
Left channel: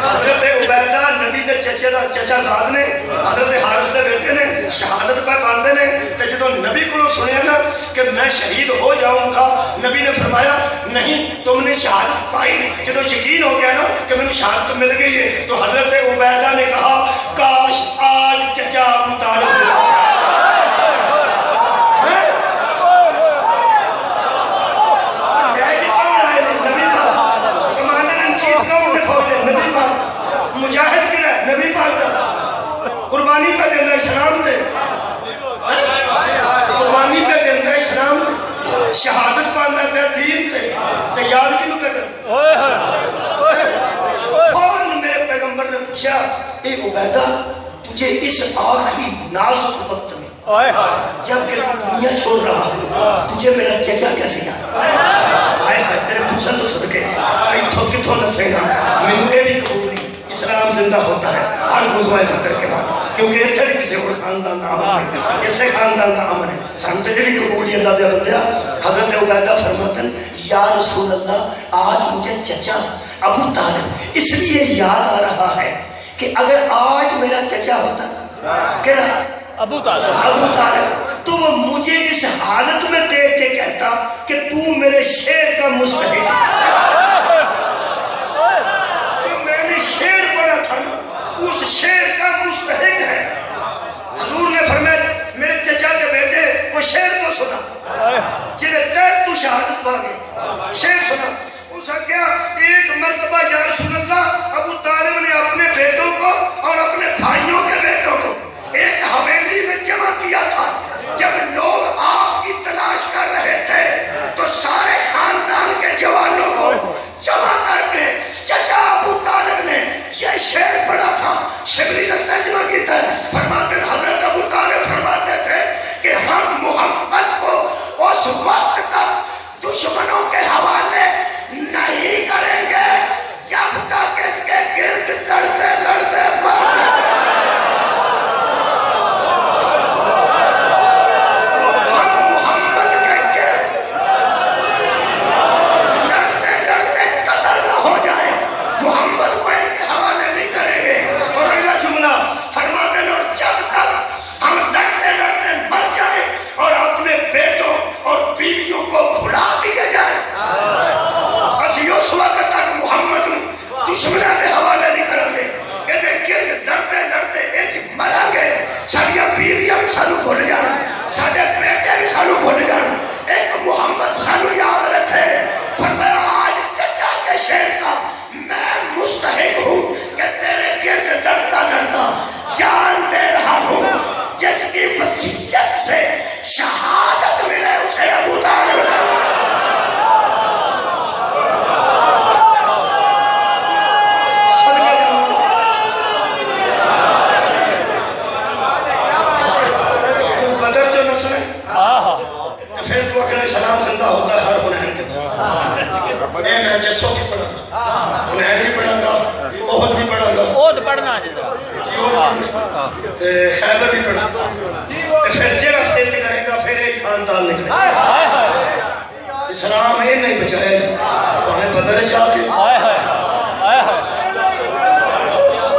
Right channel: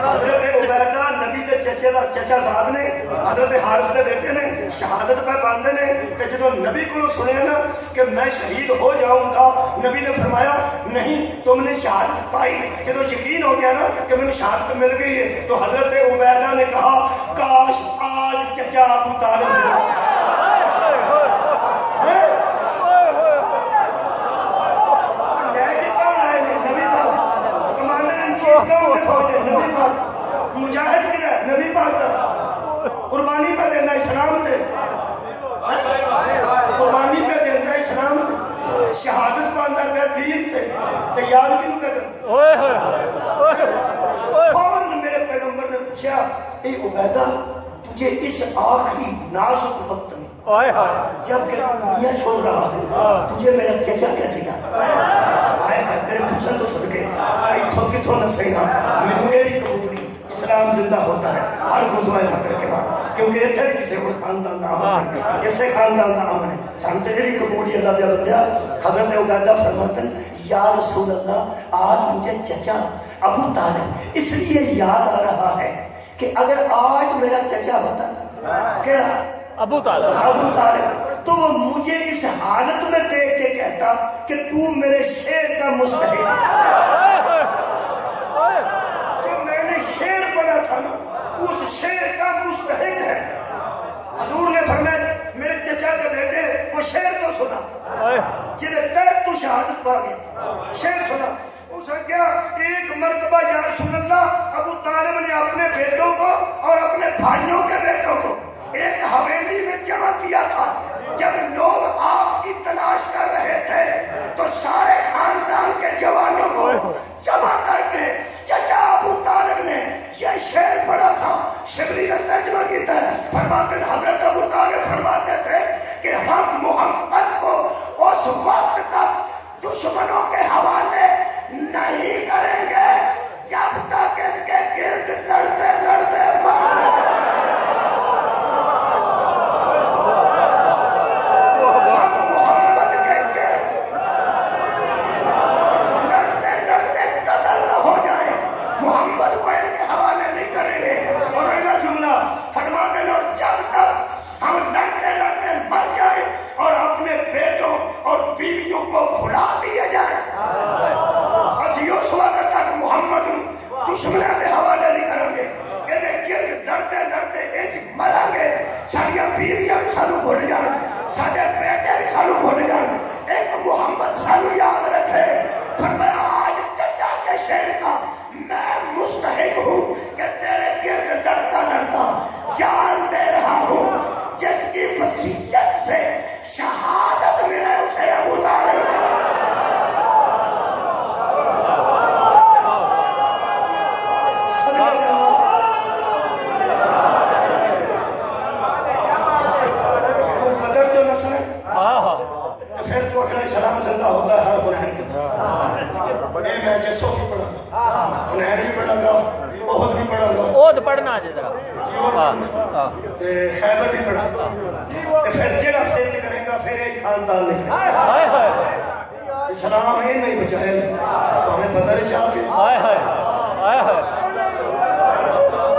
حضرت عبیدہ نبی دے چچا زاد نے حضرت حارث دے بیٹے نے شہادت پہ باندھے نے تے جدو نبی کو سنے نا کہ میں شہید ہو جاؤں گا نبی نے فرمایا نہیں تم نے شہادت پائی. جدو یقین ہو گیا نا کہ میں نے شہادت مل گئی ہے تو حضرت عبیدہ نے کہا کاش آج چچا ابو طالب مجاہد کی رہے نبی پاک قربانی پہ دینا اسلام تے قربانی پہ دینا اسلام تے شہادت پاندہ پہ دین تے یاد کی نکے کر. فوراً میرے پیغمبر نے پوچھا اے عبیدہ تجھے اس آخری نازک وقت میں جب کہ تو دنیا چھوڑ رہا ہے تجھے میرا چچا کیسے یاد آئے تیرے پوچھن تو صدقے ایتھو کتھو نسے گا ملنے بھی قبولی اسلام زندہ ہوتا ہے ہر غزوہ بدر کے بعد کیونکہ اتھے کسی اور خاندان کا عمل ہے اسے خاندان کا عمل ہے. سامتے بھی قبولی اللہ دے بندیا. حضرت عبیدہ فرماتے ہیں یا رسول اللہ آج مجھے چچا ابو طالب اس لیے یاد آ رہا ہے کہ اگر آج میرا چچا ہوتا کیا ابو طالب تو وہ مجھے اس حالت میں دیکھ کے کہتا کہ تو میرے شیر کا مستحق جو میں نے شیر پڑھا تھا نا اس شیر کا مستحق ہے. حضور نے فرمایا میرے چچا کے بیٹے وہ شیر کو سنا جنہیں تحت تو شہادت پا گئی شیر سنا. اس کیا ایک مرتبہ یا رسول اللہ ابو طالب نے اپنے بیٹوں کو اور اپنے بھائیوں کے بیٹوں کو ایک حویلی میں جمع کیا تھا. جب لوگ آپ کی تلاش کر رہے تھے تو سارے خاندان کے جوانوں کو جمع کر کے چچا ابو طالب نے یہ شعر پڑھا تھا. شبری نے ترجمہ کیتا ہے فرماتے ہیں حضرت ابو طالب فرماتے تھے کہ ہم محمد کو اس وقت تک دشمنوں کے حوالے نہیں کریں گے جب تک اس کے گرد لڑتے لڑتے مر دشمنوں کے حوالے نہیں کریں گے. یہ گرد لڑتے لڑتے ایچ مرا گئے. ساڑیاں بیویاں بھی سانو بھول جانا ساڑے بیٹے بھی سانو بھول جانا. ایک محمد سانو یاد رکھے. فرمایا آج چچا کے شیر کا میں مستحق ہوں کہ تیرے گرد لڑتا لڑتا جان دے رہا ہوں. جس کی وصیت سے شہادت ملے اسے ابو طالب اسلام زندہ ہوتا ہے ہر حنین کے بعد. میں جسوں کی پڑھا گا حنین بھی پڑھا گا احد بھی پڑھا گا احد پڑھنا خیبر بھی پڑھا گا پھر جگہ فیت کریں گا پھر ایک خاندان نکلے. اسلام یہ نہیں بچائے ہمیں بدر چاہ